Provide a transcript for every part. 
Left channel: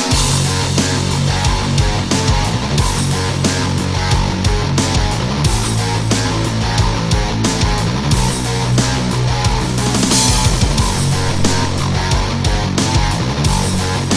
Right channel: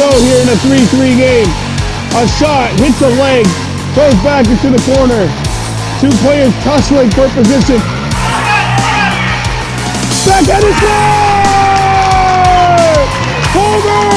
go here in a 3-3 game. A shot, hits the leg, goes back into the corner. Two players tussling for position. Backhand is good! Homer!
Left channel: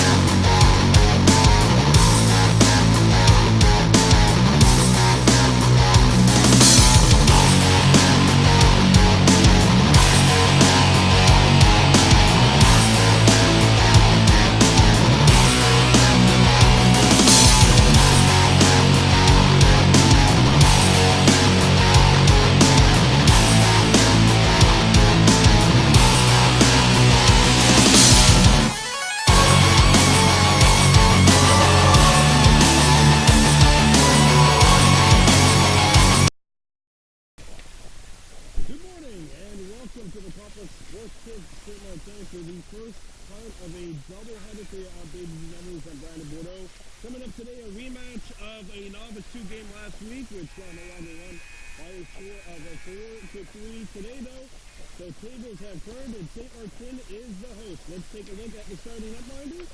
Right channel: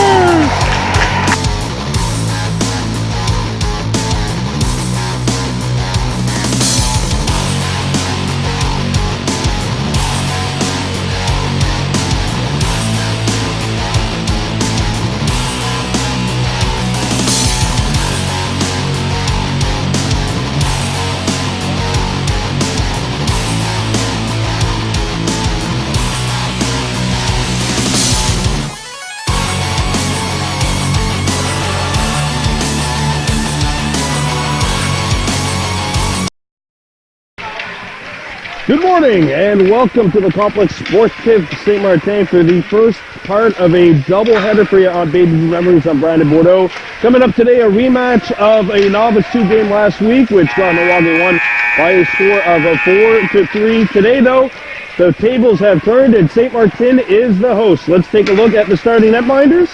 Good morning and welcome to the Complex Sportive Ste-Martine for the first part of a doubleheader for you on Baby Memories. I'm Brandon Bordeaux. Coming up today, a rematch of a Novice 2 game last week, which Kahnawake won by a score of 4-3. Today, though, the tables have turned and Ste-Martine is the host. Let's take a look at the starting netminders.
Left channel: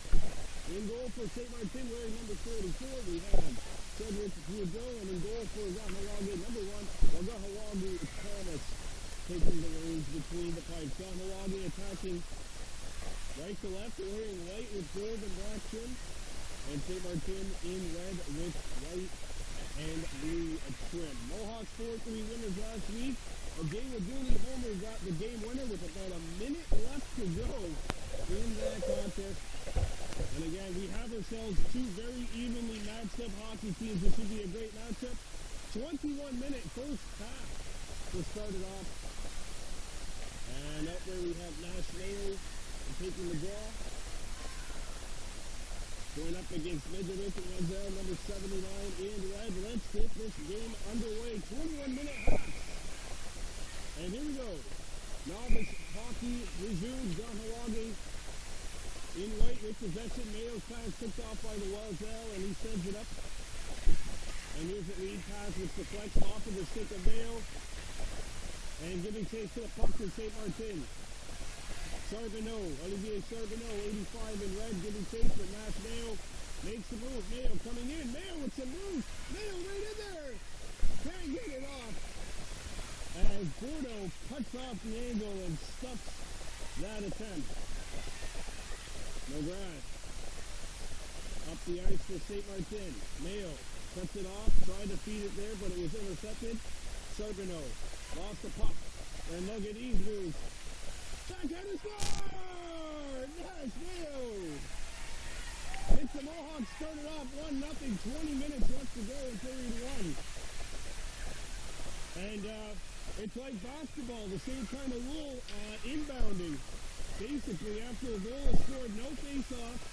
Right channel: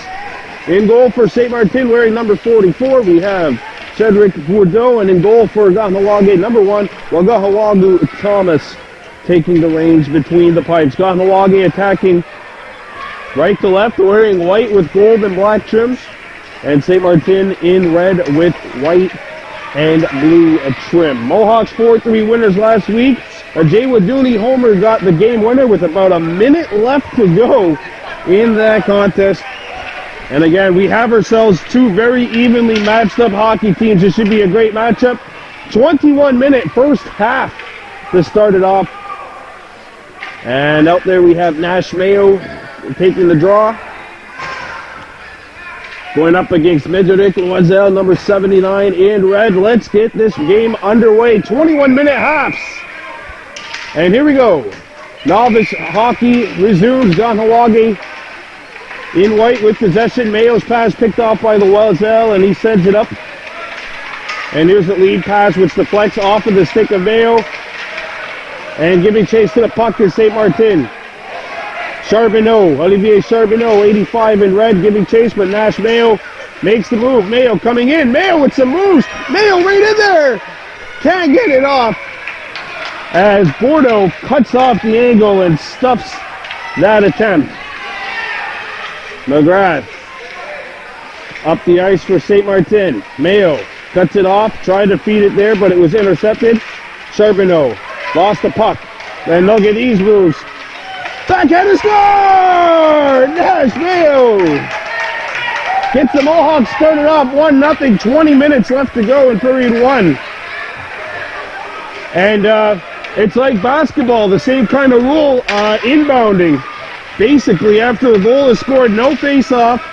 In goal for Ste-Martine, wearing number 44, we have Cedric Bordeaux, and in goal for Kahnawake, number 1, Wagahawagu Thomas, taking the reins between the pipes. Kahnawake attacking right to left, wearing white with gold and black trims, and Ste-Martine in red with white and blue trim. Mohawks 4-3 winners last week. A Jay Wadooney homer got the game winner with about a minute left to go in that contest. And again, we have ourselves two very evenly matched up hockey teams. This should be a great matchup. 21-minute first half to start it off. And out there we have Nash Mayo taking the draw. Going up against Mederic Loisel, number 79 in red. Let's get this game underway. 21-minute halves. And here we go. Novice hockey resumes. Kahnawake in white with possession. Mayo's pass picked off by the Loisel, and he sends it up. And here's the lead pass, which deflects off of the stick of Mayo. And giving chase to the puck is Ste-Martine. Charbonneau, Olivier Charbonneau, 85 in red, giving chase, but Nash Mayo makes the move. Mayo coming in. Mayo with some moves. Mayo right in there. Can't get it off. As Bordeaux cuts off the angle and stuffs that attempt. McGrath up the ice for Ste-Martine. Mayo cuts it off, tried to feed it there, but it was intercepted. Charbonneau lost the puck, and they'll get these moves. Backhand is score! Nash Mayo gets the Mohawks started off 1-0, 20 minutes left to go in period 1. And it's like basketball, the same kind of rule, inbounding. Basically, after a goal is scored, no face-off.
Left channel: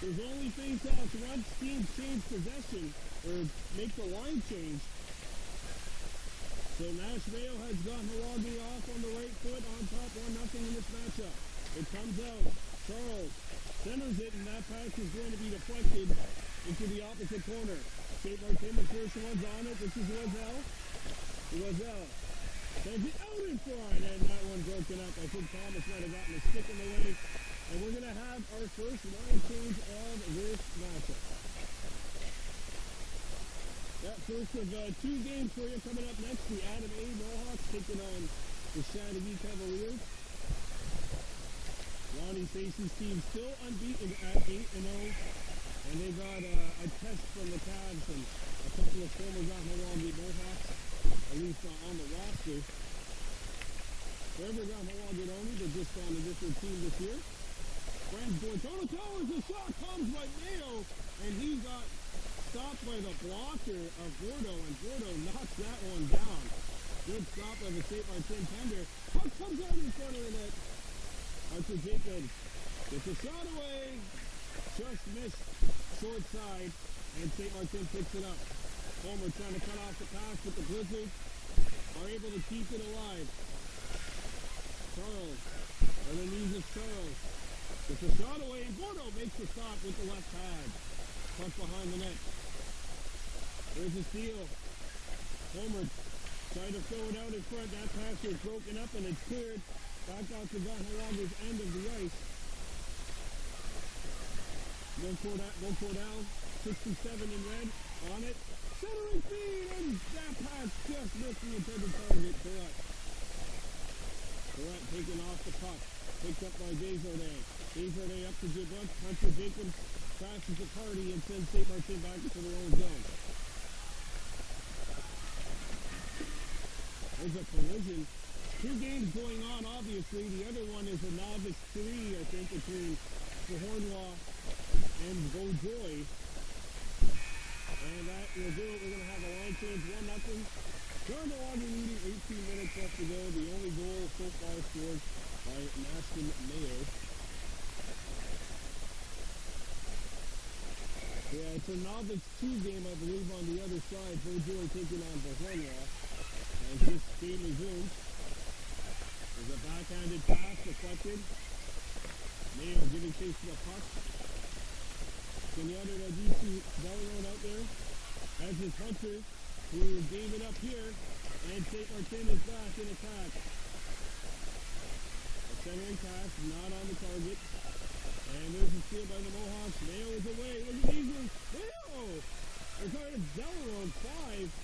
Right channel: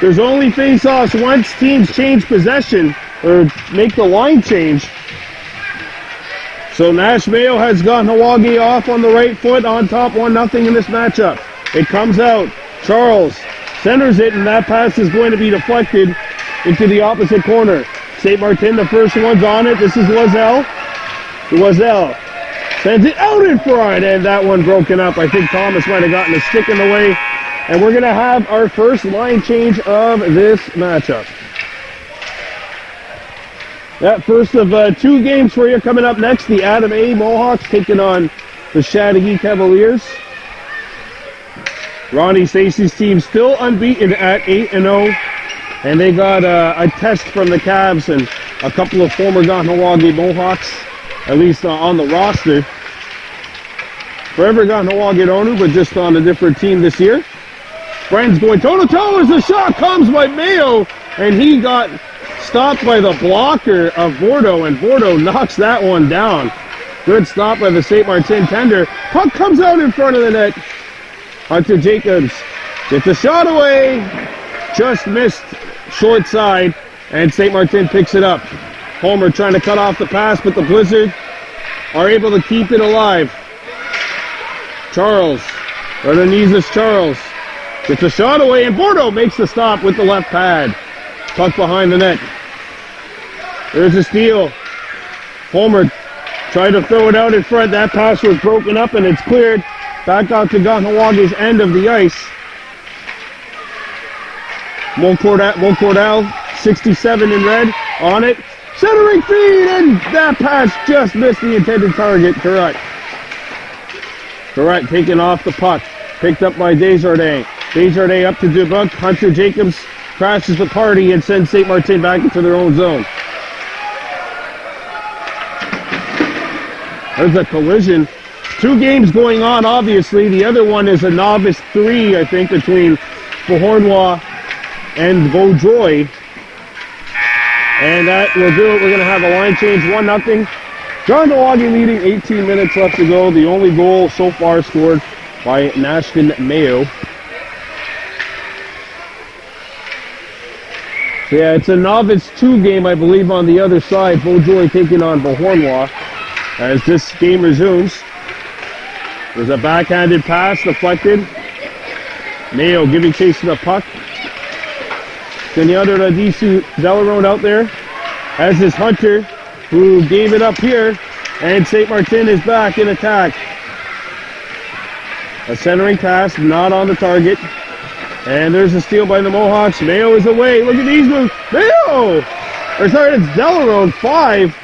There's only face-offs once teams change possession or make the line change. So Nash Mayo has Kahnawake off on the right foot, on top 1-0 in this matchup. It comes out. Charles centers it, and that pass is going to be deflected into the opposite corner. Ste-Martine, the first one's on it. This is Loisel. Loisel sends it out in front, and that one broken up. I think Thomas might have gotten a stick in the way. And we're going to have our first line change of this matchup. That first of 2 games for you coming up next. The Adam A. Mohawks taking on the Chattagee Cavaliers. Ronnie Stacey's team still unbeaten at 8-0. And they got a test from the Cavs and a couple of former Kahnawake Mohawks, at least on the roster. Forever Kahnawake Onu, but just on a different team this year. Friends going toe-to-toe as the shot comes by Mayo, and he got stopped by the blocker of Bordeaux, and Bordeaux knocks that one down. Good stop by the Ste-Martine tender. Puck comes out in front of the net. Hunter Jacobs gets the shot away. Just missed short side, and Ste-Martine picks it up. Homer trying to cut off the pass, but the Blizzard are able to keep it alive. Charles, Ardenizes Charles, gets a shot away, and Bordeaux makes the stop with the left pad. Puck behind the net. There's a steal. Homer tried to throw it out in front. That pass was broken up, and it's cleared back out to Kahnawake's end of the ice. Cordell, 67 in red, on it. Centering feed, and that pass just missed the intended target. Correct. Taking off the puck. Picked up by Desjardins. Desjardins up to Dubuc. Hunter Jacobs crashes the party and sends Ste-Martine back into their own zone. There's a collision. 2 games going on, obviously. The other one is a Novice 3, I think, between Beauharnois and Vaudreuil. And that will do it. We're going to have a line change, 1-0. Kahnawake leading, 18 minutes left to go. The only goal so far scored by Nashton Mayo. So yeah, it's a Novice 2 game, I believe, on the other side. Vaudreuil taking on Beauharnois as this game resumes. There's a backhanded pass deflected. Mayo giving chase to the puck. Senyata Radisu Delarone out there, as is Hunter, who gave it up here, and Ste-Martine is back in attack. A centering pass, not on the target, and there's a steal by the Mohawks. Mayo is away. Look at these moves. Mayo! Or sorry, it's Delarone, 5.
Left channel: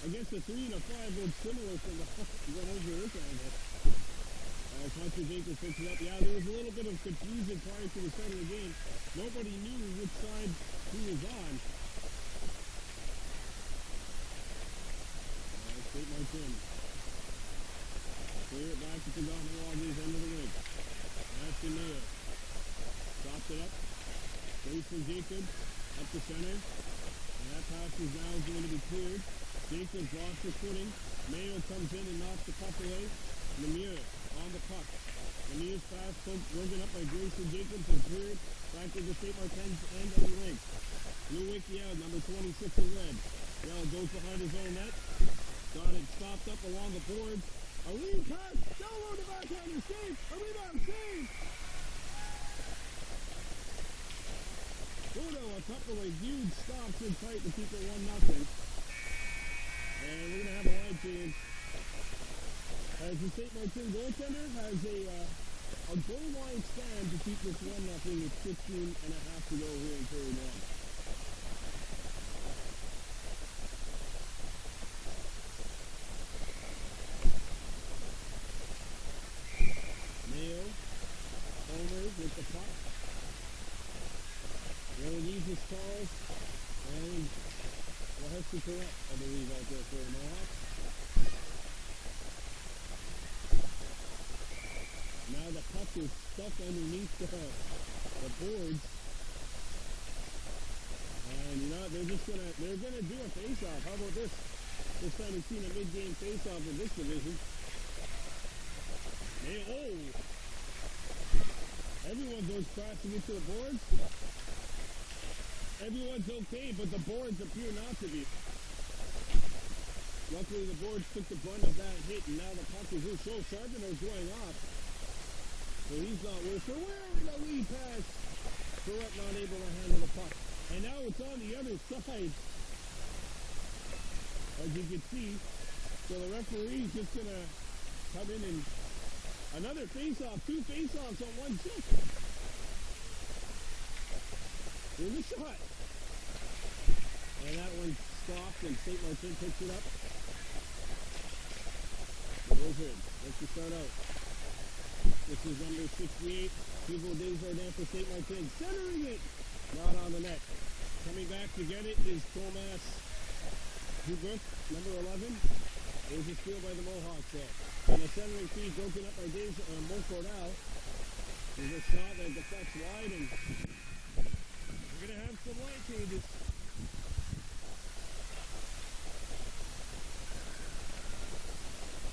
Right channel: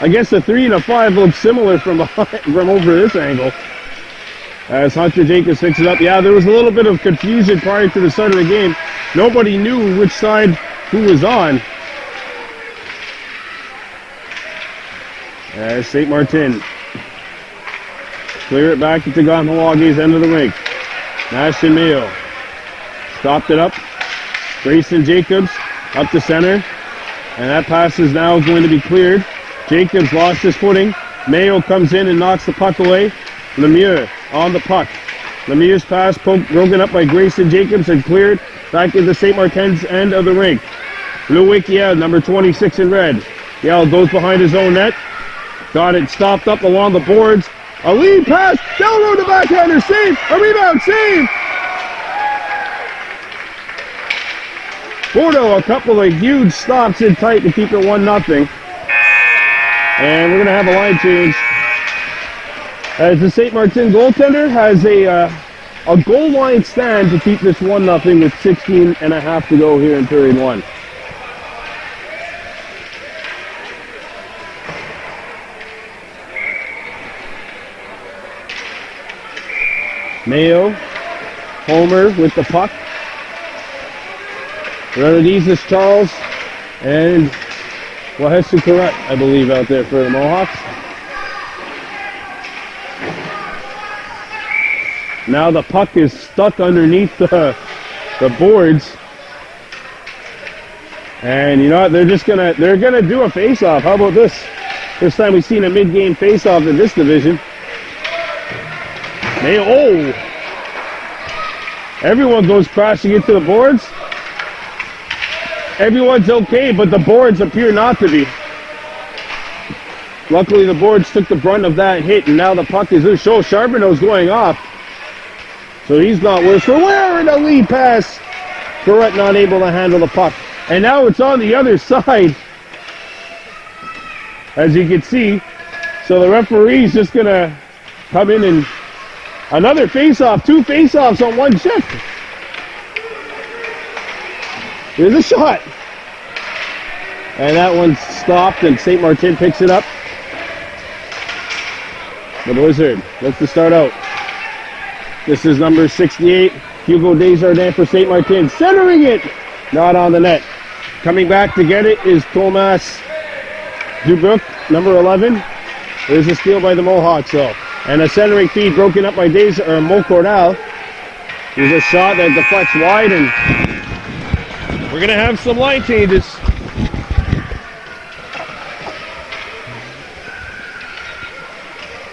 I guess the 3 and a 5 look similar from over this angle. As Hunter Jacobs picks it up. Yeah, there was a little bit of confusion prior to the start of the game. Nobody knew which side who was on. As Ste-Martine clear it back into Kahnawak's end of the rink. Nashton Mayo stopped it up. Grayson Jacobs up to center. And that pass is now going to be cleared. Jacobs lost his footing. Mayo comes in and knocks the puck away. Lemieux on the puck. Lemieux's pass broken up by Grayson Jacobs and cleared back into Ste-Martine's end of the rink. Louis Yell, number 26 in red. Yell goes behind his own net. Got it stopped up along the boards. A lead pass. Delarone to backhander. Save. A rebound. Save. Bordeaux, a couple of huge stops in tight to keep it 1-0. And we're going to have a line change. As the Ste-Martine goaltender has a goal line stand to keep this 1-0 with 16 and a half to go here in period 1. Mayo, Homer with the puck. Renadizis Charles and Wahesu Correct, I believe, out there for the Mohawks. Now the puck is stuck underneath the boards. And you know what, they're gonna do a face-off. How about this? First time we've seen a mid-game face-off in this division. Oh! Everyone goes crashing into the boards. Everyone's okay, but the boards appear not to be. Luckily, the boards took the brunt of that hit, and now the puck is loose. Charbonneau's going off. So he's not worse for wear, and a lead pass. Correct not able to handle the puck. And now it's on the other side, as you can see. So the referee's just going to come in and another face-off, 2 face-offs on one shift. Here's a shot. And that one's stopped, and Ste-Martine picks it up. The Blizzard looks to start out. This is number 68, Hugo Desjardins for Ste-Martine. Centering it! Not on the net. Coming back to get it is Thomas Dubuc, number 11. There's a steal by the Mohawks, though. And a centering feed broken up by Mo Cordell. There's a shot that deflects wide, and we're going to have some line changes.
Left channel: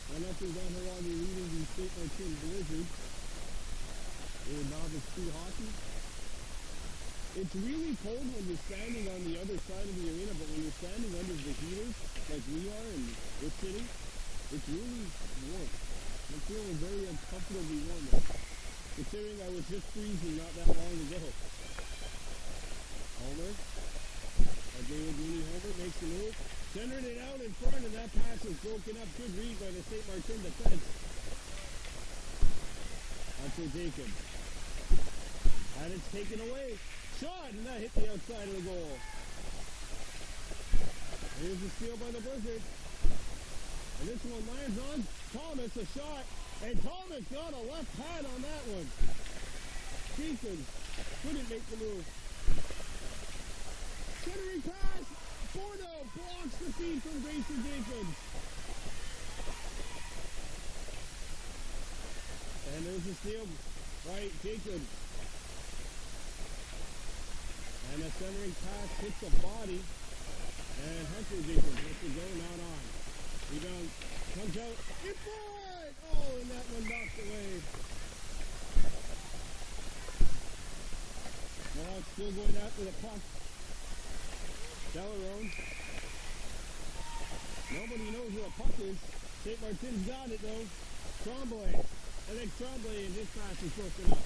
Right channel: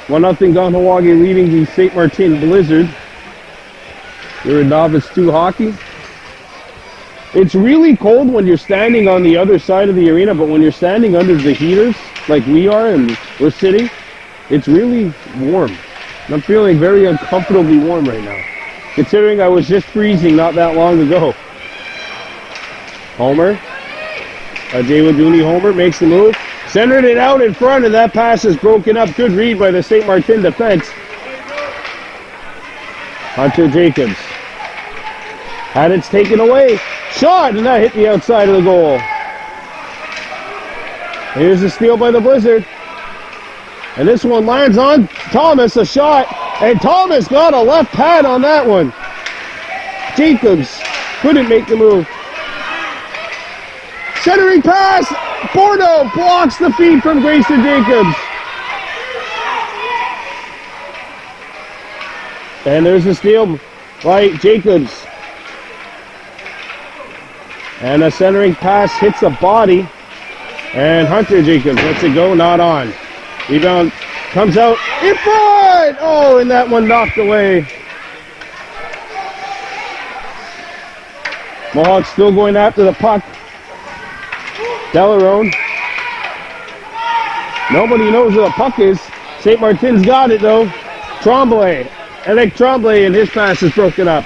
One nothing Kahnawake leading the Ste-Martine Blizzard. You're in Novice 2 hockey. It's really cold when you're standing on the other side of the arena, but when you're standing under the heaters, like we are and we're sitting, it's really warm. I'm feeling very uncomfortably warm right now, considering I was just freezing not that long ago. Homer, Jayla Dooney Homer makes the move, centered it out in front, and that pass is broken up. Good read by the Ste-Martine defense. Hunter Jacobs had it taken away. Shot, and that hit the outside of the goal. Here's the steal by the Blizzard. And this one lands on Thomas, a shot. And Thomas got a left pad on that one. Jacobs couldn't make the move. Centering pass. Bordeaux blocks the feed from Grayson Jacobs. And there's the steal by Jacobs. And a centering pass hits the body. And Hunter Jacobs lets it go, not on. Rebound comes out in front! Oh, and that one knocked away. Mohawks still going after the puck. Delarone. Nobody knows where the puck is. Ste-Martine's got it though. Tremblay. Eric Tremblay, and his pass is broken up.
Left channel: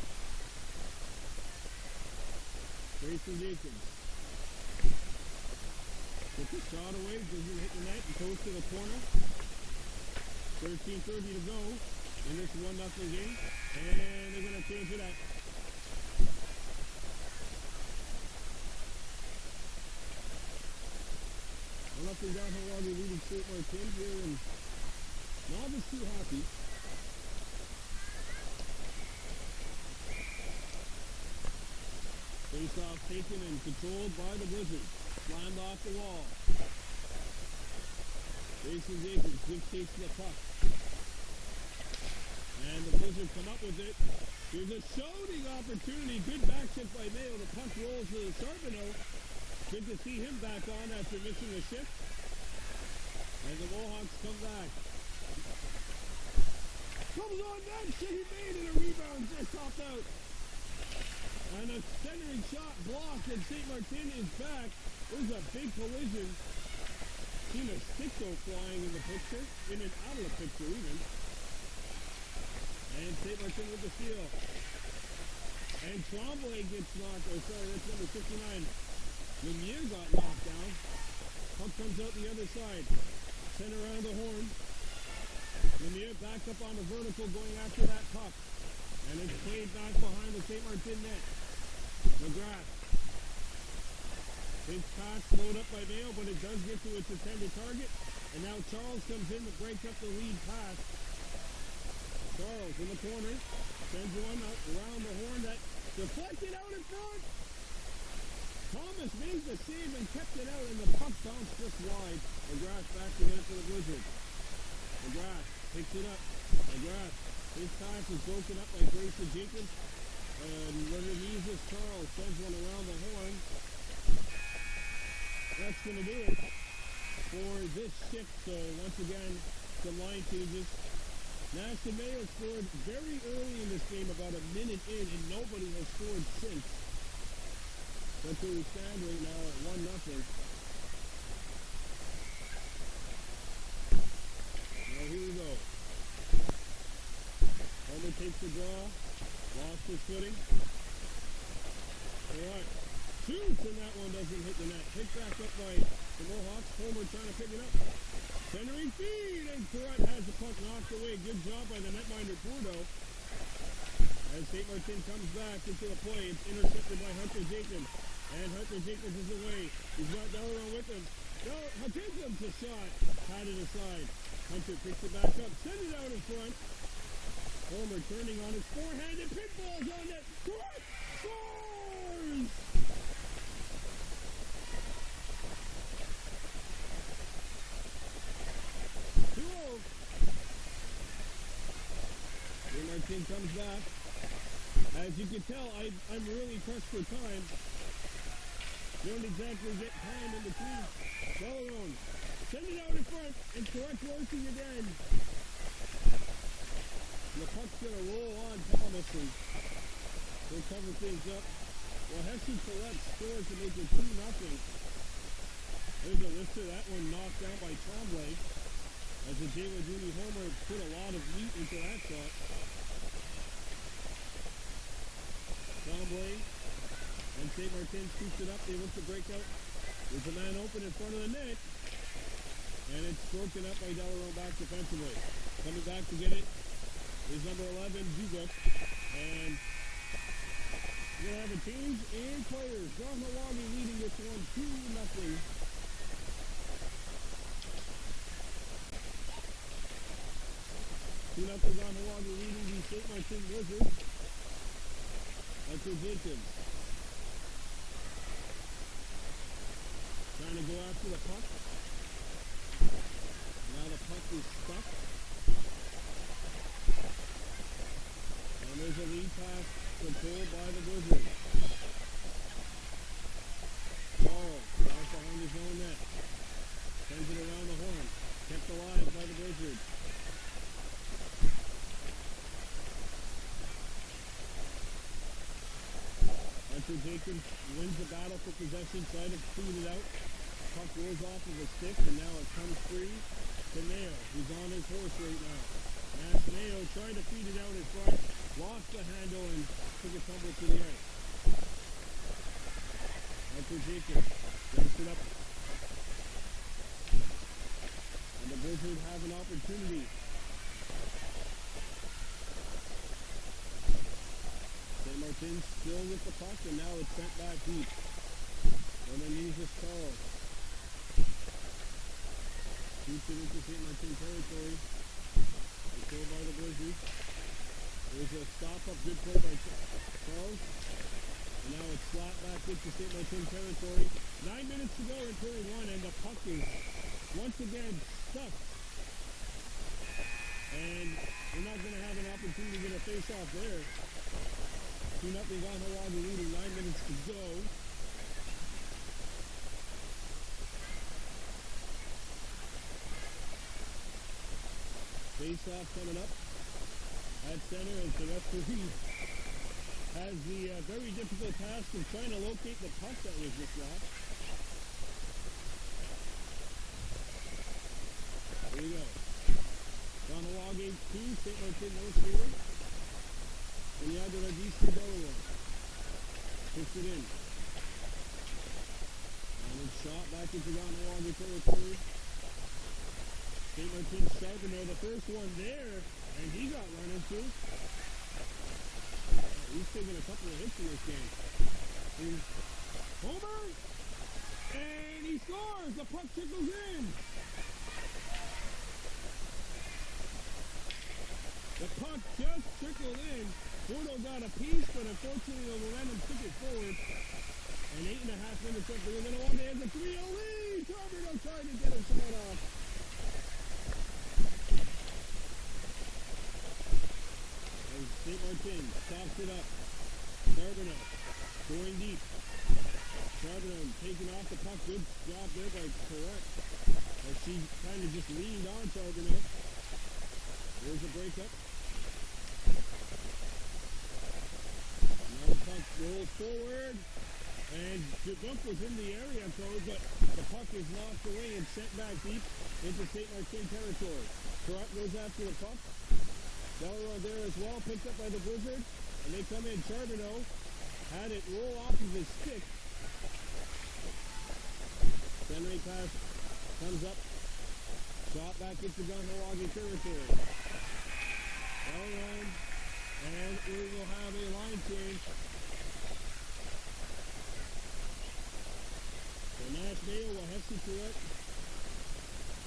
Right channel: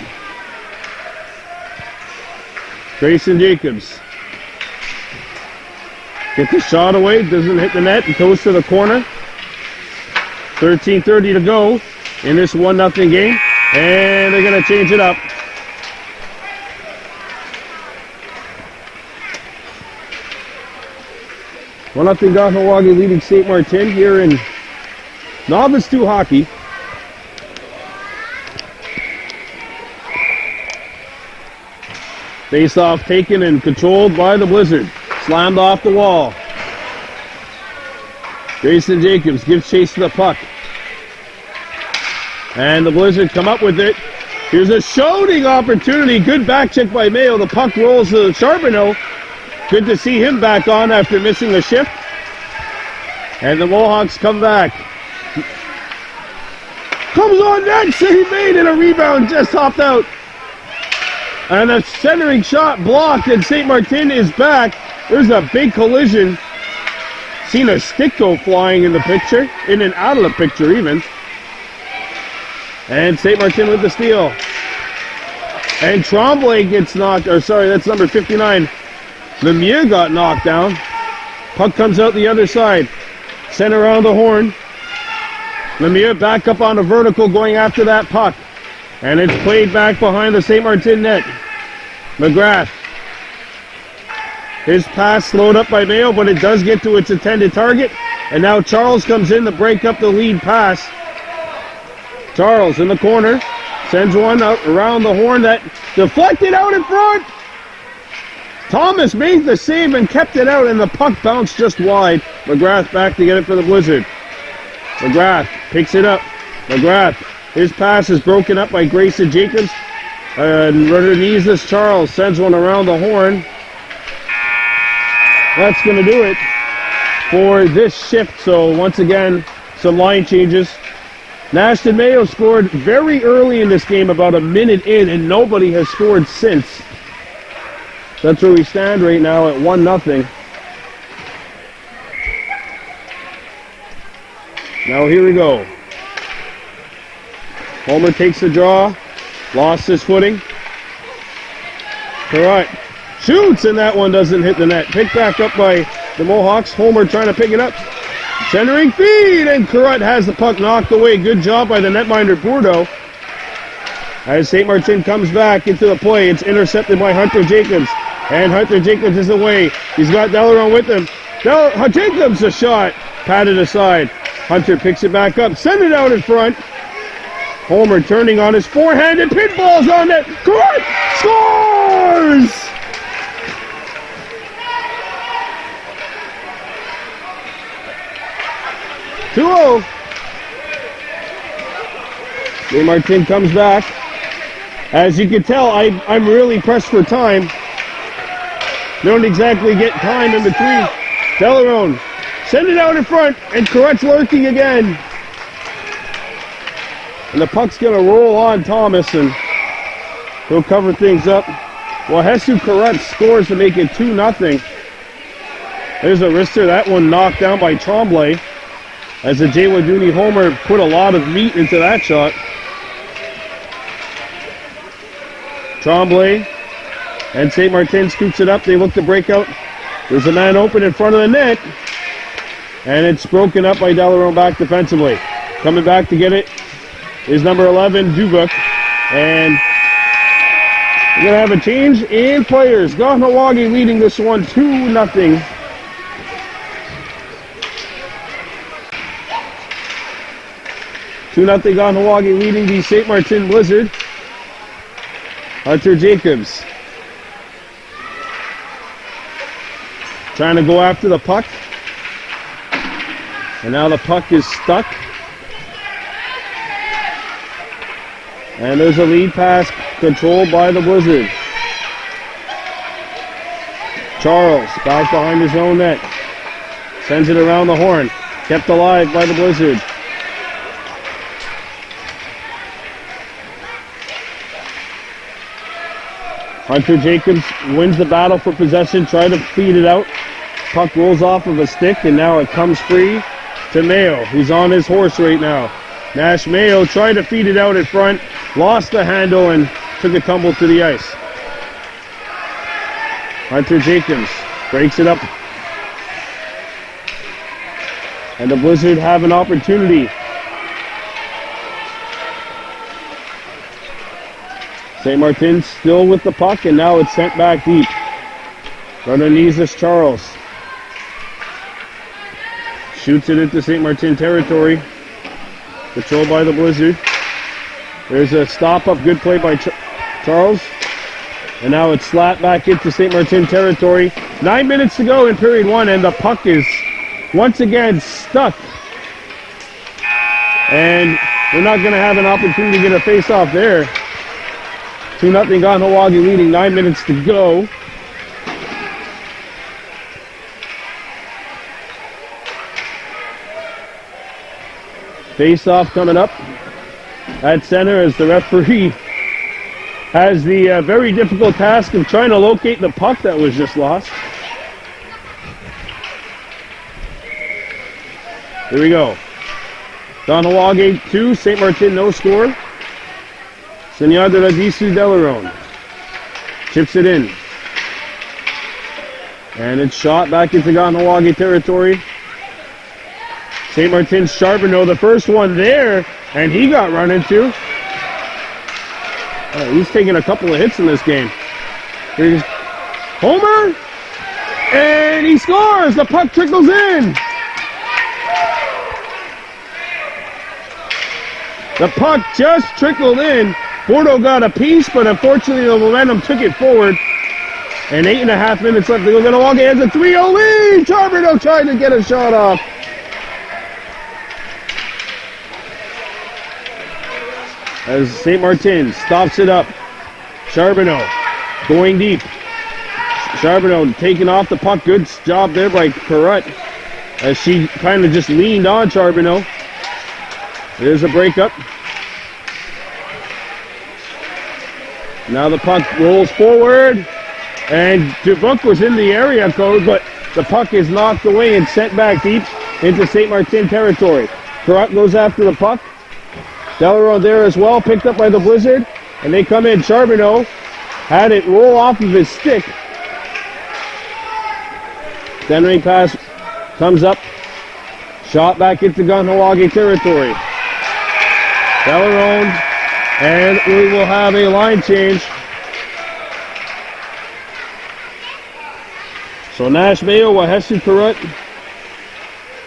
Grayson Jacobs. Get the shot away, doesn't hit the net, it goes to the corner. 13:30 to go in this 1-0 game, and they're going to change it up. One up in Kahnawake leading Ste-Martine here in Novice 2 hockey. Face off taken and controlled by the Blizzard. Slammed off the wall. Grayson Jacobs gives chase to the puck. And the Blizzard come up with it. Here's a shooting opportunity. Good back check by Mayo. The puck rolls to Charbonneau. Good to see him back on after missing a shift. And the Mohawks come back. Comes on net, save made, and a rebound just hopped out. And a centering shot blocked, and Ste-Martine is back. There's a big collision. Seen a stick go flying in the picture, in and out of the picture even. And Ste-Martine with the steal. And Tremblay gets knocked, or sorry, that's number 59. Lemieux got knocked down. Puck comes out the other side. Sent around the horn. Lemieux back up on a vertical going after that puck. And it's played back behind the Ste-Martine net. McGrath. His pass slowed up by Mayo, but it does get to its intended target. And now Charles comes in to break up the lead pass. Charles in the corner. Sends one out around the horn that deflected out in front. Thomas made the save and kept it out, and the puck bounced just wide. McGrath back to get it for the Blizzard. McGrath picks it up. McGrath. His pass is broken up by Grayson Jacobs. And underneath Charles sends one around the horn. That's going to do it for this shift. So once again, some line changes. Nashton Mayo scored very early in this game, about a minute in, and nobody has scored since. That's where we stand right now at 1-0. Now here we go. Homer takes the draw, lost his footing. Correct. Shoots, and that one doesn't hit the net. Picked back up by the Mohawks. Homer trying to pick it up. Centering feed, and Carrot has the puck knocked away. Good job by the netminder Bordeaux. As Ste-Martine comes back into the play, it's intercepted by Hunter Jacobs. And Hunter Jacobs is away. He's got Delarone with him. Jacobs a shot. Patted aside. Hunter picks it back up. Send it out in front. Homer turning on his forehand, and pinballs on net. Carrot scores! Ste-Martine Ste-Martine comes back. As you can tell, I'm really pressed for time. Don't exactly get time in between. Delarone, send it out in front, and Carret's lurking again. And the puck's going to roll on Thomas, and he'll cover things up. Well, Jesus Carret scores to make it 2-0. There's a wrister. That one knocked down by Tremblay. As the Jay Waduni homer put a lot of meat into that shot. Tremblay and Ste-Martine scoops it up. They look to break out. There's a man open in front of the net. And it's broken up by Delarone back defensively. Coming back to get it is number 11, Dubuc. And We're going to have a change in players. Kahnawake leading this one 2-0. Kahnawake leading the Ste-Martine Blizzard. Hunter Jacobs trying to go after the puck. And now the puck is stuck. And there's a lead pass controlled by the Blizzard. Charles back behind his own net. Sends it around the horn. Kept alive by the Blizzard. Hunter Jacobs wins the battle for possession. Try to feed it out. Puck rolls off of a stick, and now it comes free to Mayo, who's on his horse right now. Nash Mayo tried to feed it out in front, lost the handle, and took a tumble to the ice. Hunter Jacobs breaks it up. And the Blizzard have an opportunity. Ste-Martine still with the puck, and now it's sent back deep. Runanizas Charles shoots it into Ste-Martine territory. Controlled by the Blizzard. There's a stop-up, good play by Charles. And now it's slapped back into Ste-Martine territory. 9 minutes to go in period one, and the puck is once again stuck. And we're not going to have an opportunity to get a face-off there. 2-0 Kahnawake leading, 9 minutes to go. Face-off coming up at center as the referee has the very difficult task of trying to locate the puck that was just lost. Here we go. Kahnawake 2, Ste-Martine no score. Senor de la Disu Delaron chips it in. And it's shot back into Kahnawake territory. Ste-Martine Charbonneau, the first one there, and he got run into. He's taking a couple of hits in this game. Here's Homer, and he scores! The puck trickles in! The puck just trickled in. Bordeaux got a piece, but unfortunately the momentum took it forward. And 8.5 minutes left to go. Kahnawake has a 3-0 lead! Charbonneau trying to get a shot off. As Ste-Martine stops it up. Charbonneau going deep. Charbonneau taking off the puck. Good job there by Perrott as she kind of just leaned on Charbonneau. There's a breakup. Now the puck rolls forward. And Dubuc was in the area code, but the puck is knocked away and sent back deep into Ste-Martine territory. Perrott goes after the puck. Delaron there as well, picked up by the Blizzard, and they come in. Charbonneau had it roll off of his stick. Centering pass comes up, shot back into Kahnawake territory. Delaron, and we will have a line change. So Nash Mayo, Wahesu Perrott,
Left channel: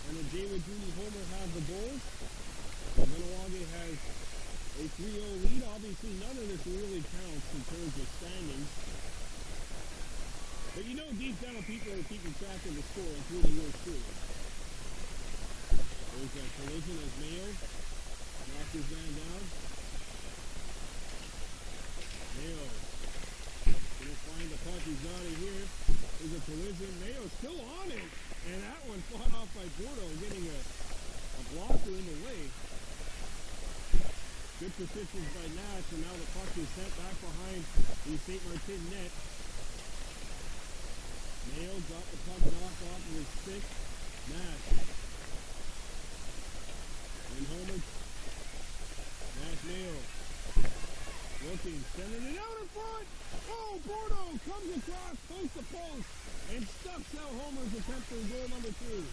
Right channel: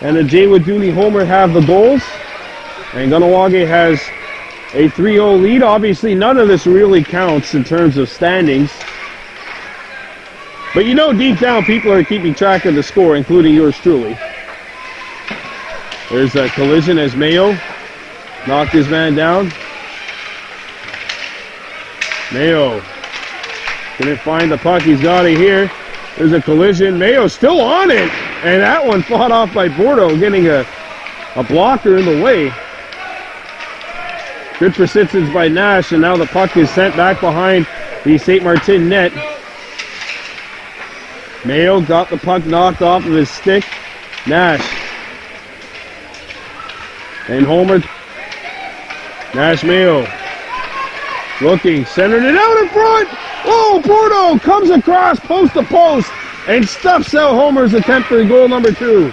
and the Jaywood Dooley Homer have the goals. And Kahnawake has a 3-0 lead. Obviously, none of this really counts in terms of standings. But you know deep down people are keeping track of the score, including yours truly. There's a collision as Mayo knocked his man down. Mayo couldn't find the puck. He's got it here. There's a collision. Mayo still on it. And that one fought off by Bordeaux, getting a blocker in the way. Good persistence by Nash, and now the puck is sent back behind the Ste-Martine net. Mayo got the puck knocked off of his stick. Nash. And Homer. Nash Mayo. Looking, centered it out in front. Oh, Bordeaux comes across post to post and stuffs out Homer's attempt for goal number 2.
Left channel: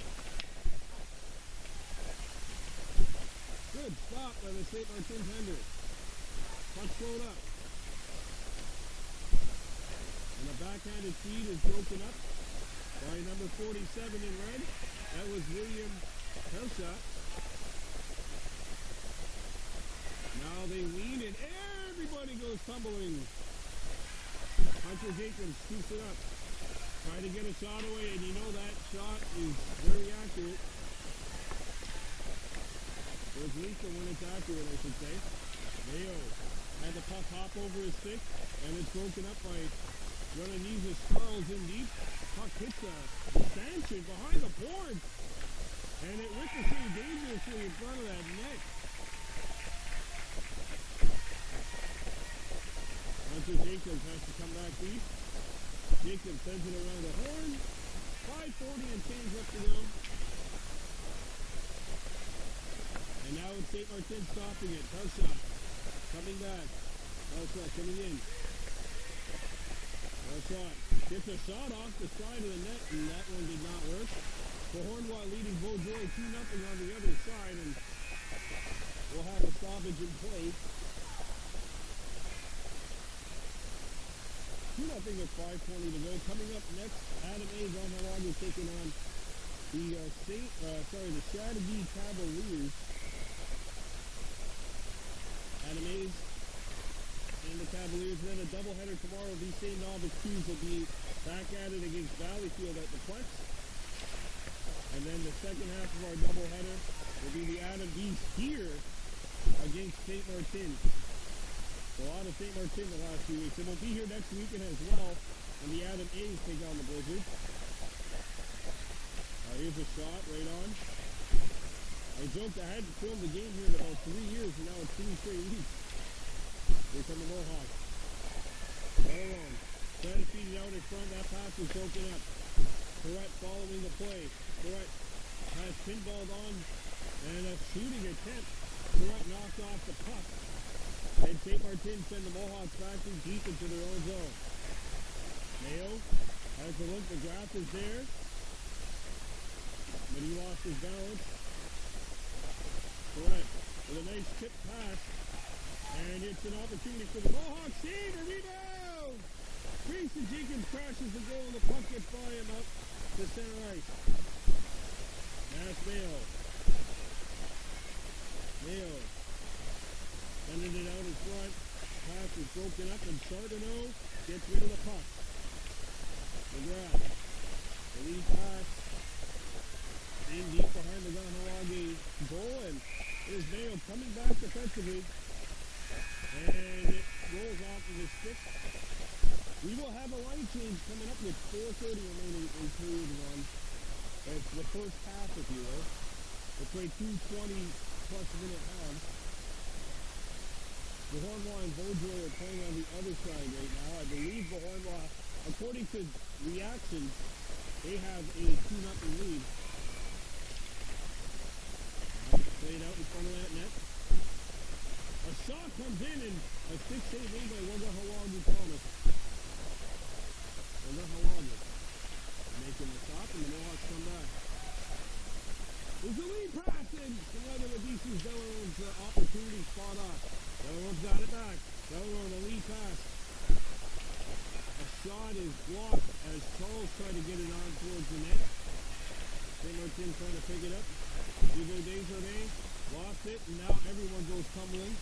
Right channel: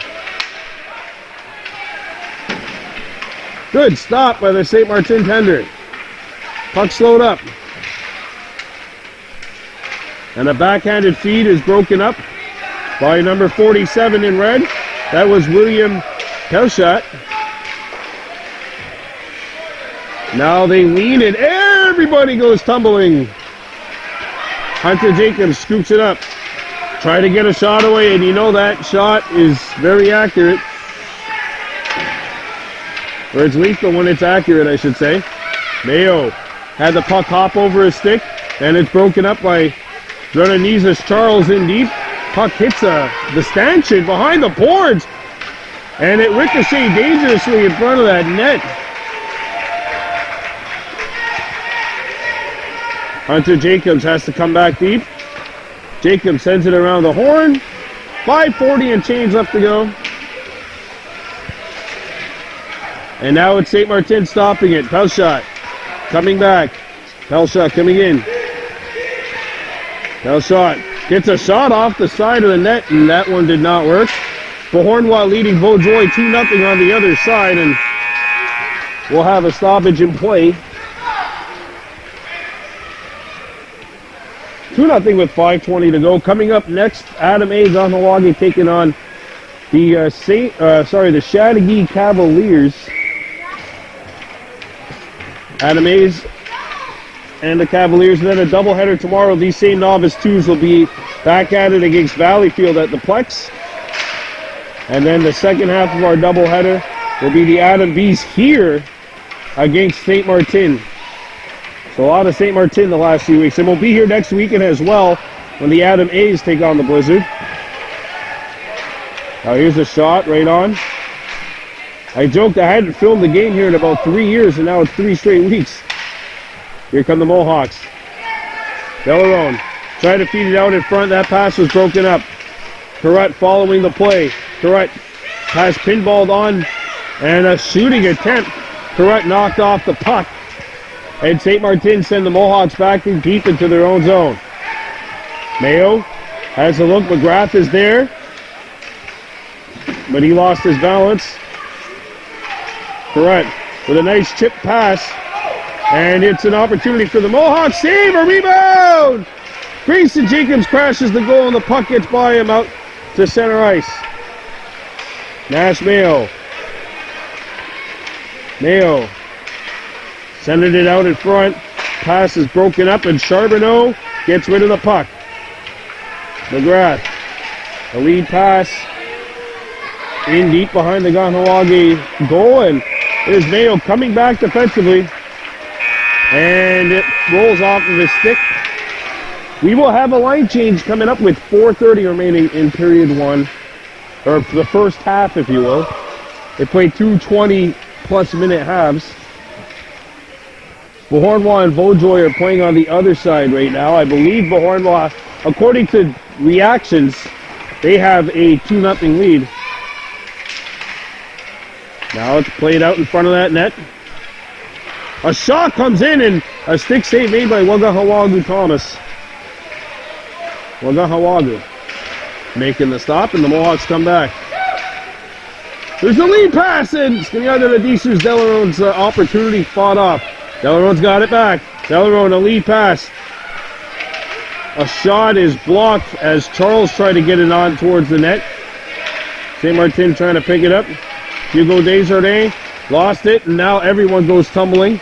Good stop by the Ste-Martine tender. Puck slowed up. And a backhanded feed is broken up by number 47 in red. That was William Pelshot. Now they lean and everybody goes tumbling. Hunter Jacobs scoops it up. Try to get a shot away, and you know that shot is very accurate. Or it's lethal when it's accurate, I should say. Mayo had the puck hop over his stick, and it's broken up by Dronanizas Charles in deep. Puck hits the stanchion behind the boards, and it ricocheted dangerously in front of that net. Hunter Jacobs has to come back deep. Jacobs sends it around the horn. 5:40 and change left to go. And now it's Ste-Martine stopping it. Pelshot coming back. Pelshot coming in. Pelshot gets a shot off the side of the net, and that one did not work. Beauharnois leading Beaujoy 2-0 on the other side, and we'll have a stoppage in play. 2-0 with 5:20 to go. Coming up next, Adam A. Kahnawake taking on the Chateauguay Cavaliers. Adam A's and the Cavaliers, and then a doubleheader tomorrow. These same Novice 2s will be back at it against Valleyfield at the Plex. And then the second half of our doubleheader will be the Adam B's here against Ste-Martine. So a lot of Ste-Martine the last few weeks. And we'll be here next weekend as well when the Adam A's take on the Blizzard. Now here's a shot right on. I joked I hadn't filmed the game here in about 3 years, and now it's 3 straight weeks. Here come the Mohawks. Delarone tried to feed it out in front. That pass was broken up. Carrot following the play. Carrot has pinballed on, and a shooting attempt. Carrot knocked off the puck. And Ste-Martine send the Mohawks back in deep into their own zone. Mayo has a look. McGrath is there, but he lost his balance. Carrot with a nice chip pass. And it's an opportunity for the Mohawks. Save, a rebound! Grayson Jacobs crashes the goal, and the puck gets by him out to center ice. Nash Mayo. Mayo sending it out in front. Pass is broken up, and Charbonneau gets rid of the puck. McGrath, the lead pass in deep behind the Kahnawake goal, and there's Mayo coming back defensively. And it rolls off of his stick. We will have a line change coming up with 4:30 remaining in period 1. Or the first half, if you will. They played 2 20-plus minute halves. Beauharnois and Beaujoy are playing on the other side right now. I believe Beauharnois, according to reactions, they have a 2-0 lead. Now it's played out in front of that net. A shot comes in, and a stick save made by Wagahawagu Thomas. Wagahawagu making the stop, and the Mohawks come back. There's a lead pass, and Skanyada Ladisu's Delarone's opportunity fought off. Delarone's got it back. Delarone, a lead pass. A shot is blocked as Charles tried to get it on towards the net. Ste-Martine trying to pick it up. Hugo Desjardins lost it, and now everyone goes tumbling.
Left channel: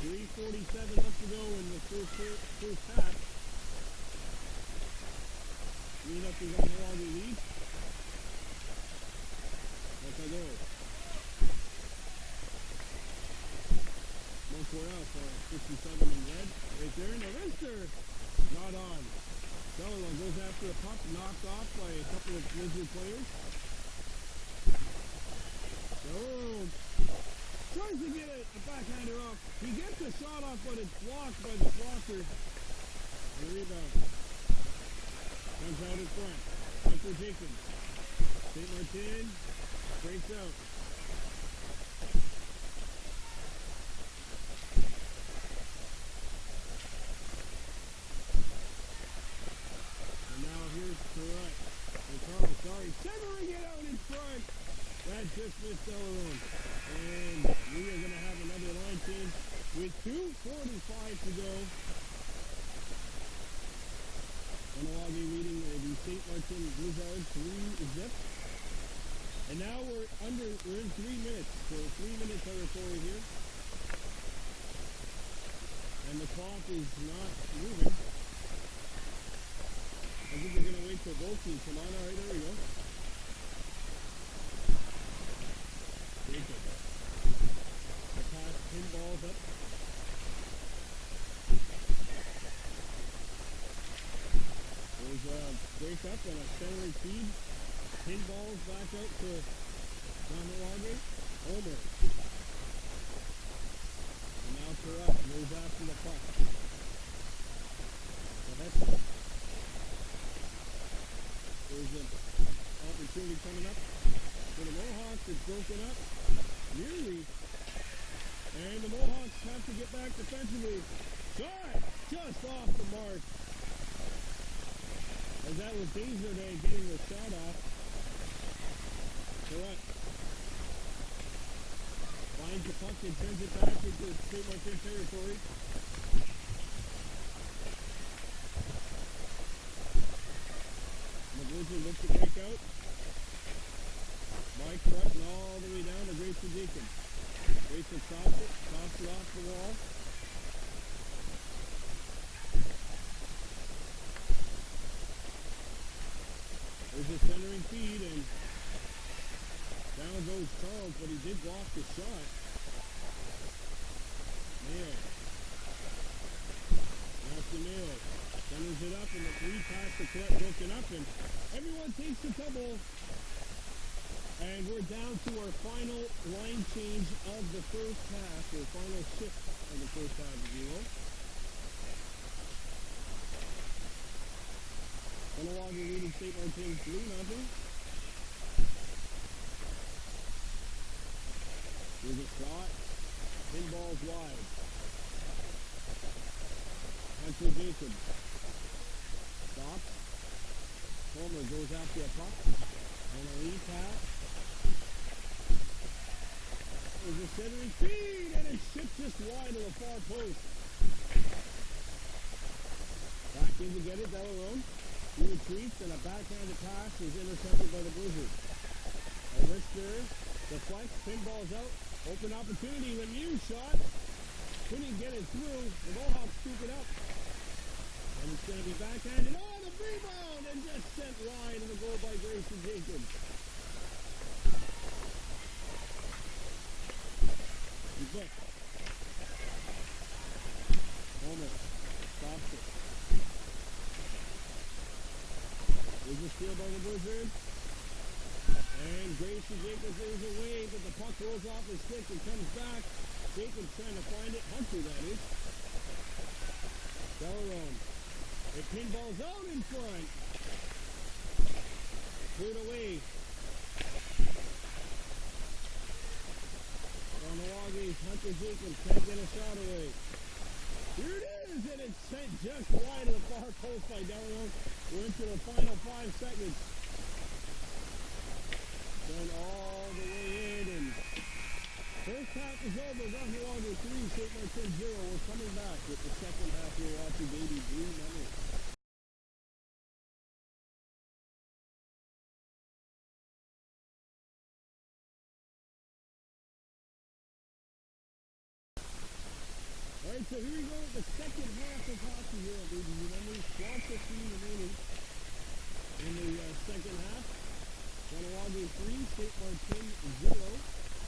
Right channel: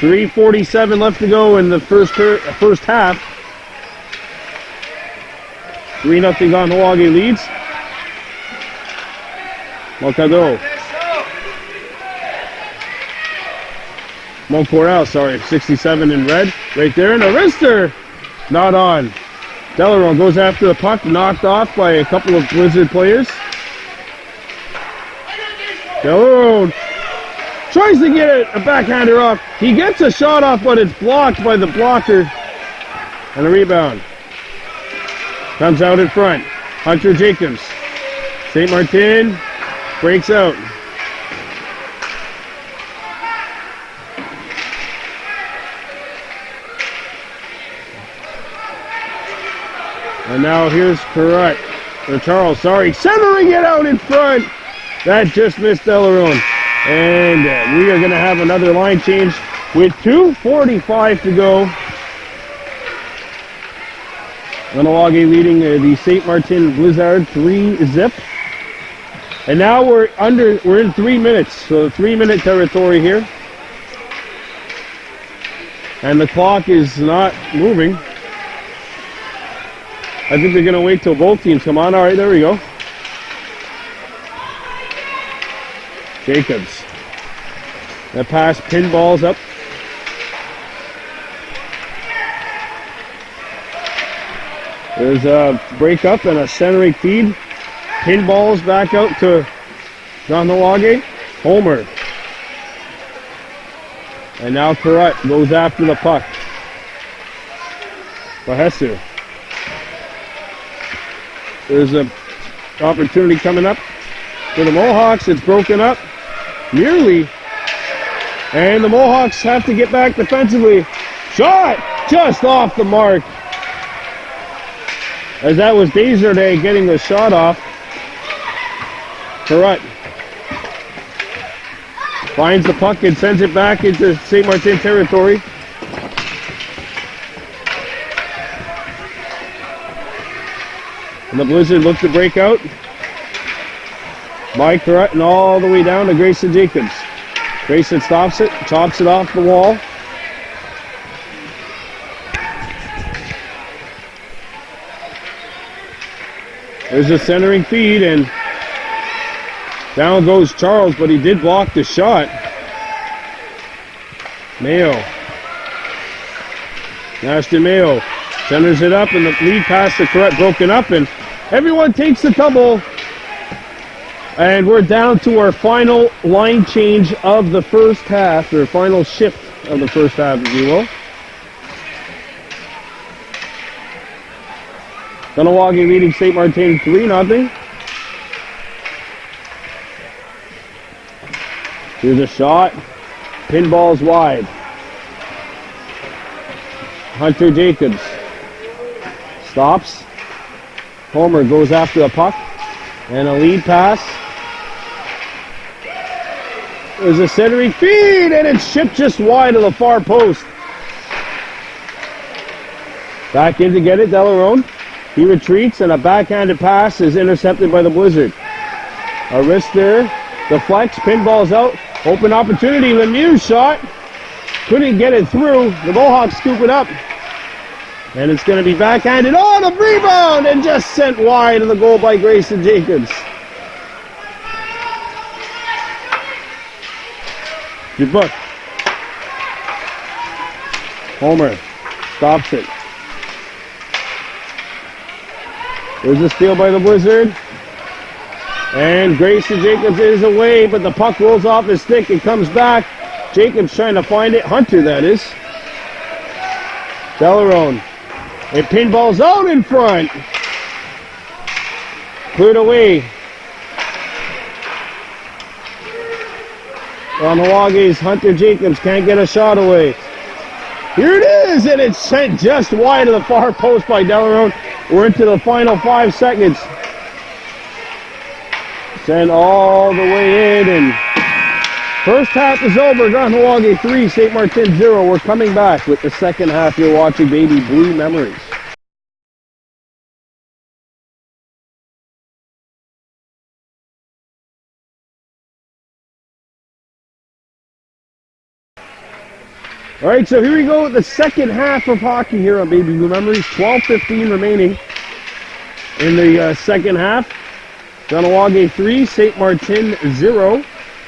3:47 left to go in the first half. 3-0 Kahnawake leads. Moncador. Montcorral, sorry, 67 in red. Right there, and a wrister. Not on. Delarone goes after the puck, knocked off by a couple of Blizzard players. Delarone tries to get a backhander off. He gets a shot off, but it's blocked by the blocker. And a rebound. Comes out in front. Hunter Jacobs. Ste-Martine breaks out. And now here's Carrot. Or Charles, sorry. Centering it out in front. That just missed Delarone. And we are going to have another line change with 2:45 to go Kahnawake leading the Ste-Martine Blizzard 3-0. And now we're in 3 minutes, so 3-minute territory here. And the clock is not moving. I think they're going to wait till both teams come on. All right, there we go. Jacobs. That pass pinballs up. There's a break up and a centering feed. Pinballs back out to Kahnawake. Homer. And now Corrett goes after the puck. Bahesu. There's an opportunity coming up for the Mohawks. It's broken up. Nearly. And the Mohawks have to get back defensively. Shot! Just off the mark. As that was Desjardins getting the shot off. Corrett finds the puck and sends it back into Ste-Martine territory. And the Blizzard look to break out. By Corrett and all the way down to Grayson Jacobs. Grayson stops it, chops it off the wall. There's a centering feed and down goes Charles, but he did block the shot. Mayo. Ashton Mayo centers it up and the lead pass to Corrett broken up and everyone takes the double. And we're down to our final line change of the first half, or final shift of the first half, if you will. Kahnawake leading Ste-Martine 3-0. Here's a shot. Pinball's wide. Hunter Jacobs stops. Homer goes after the puck. And a lead pass. There's a centering feed, and it's shipped just wide of the far post. Back in to get it, Delarone. He retreats, and a backhanded pass is intercepted by the Blizzard. A wrist there. Deflects, pinball's out. Open opportunity, Lemieux's shot. Couldn't get it through. The Mohawks scoop it up. And it's going to be backhanded. Oh, the rebound! And just sent wide of the goal by Grayson Jacobs. Good book. Homer stops it. There's a steal by the Blizzard. And Grayson Jacobs is away, but the puck rolls off his stick and comes back. Jacobs trying to find it. Hunter, that is. Delarone. It pinballs out in front. Cleared away. Kahnawake's Hunter Jacobs can't get a shot away. Here it is, and it's sent just wide of the far post by Delarone. We're into the final 5 seconds. Sent all the way in, and first half is over. Kahnawake 3, Ste-Martine 0. We're coming back with the second half. You're watching Baby Blue Memories. All right, so here we go with the second half of hockey here on Baby Blue Memories. 12:15 remaining in the second half. Kahnawake 3, Ste-Martine 0.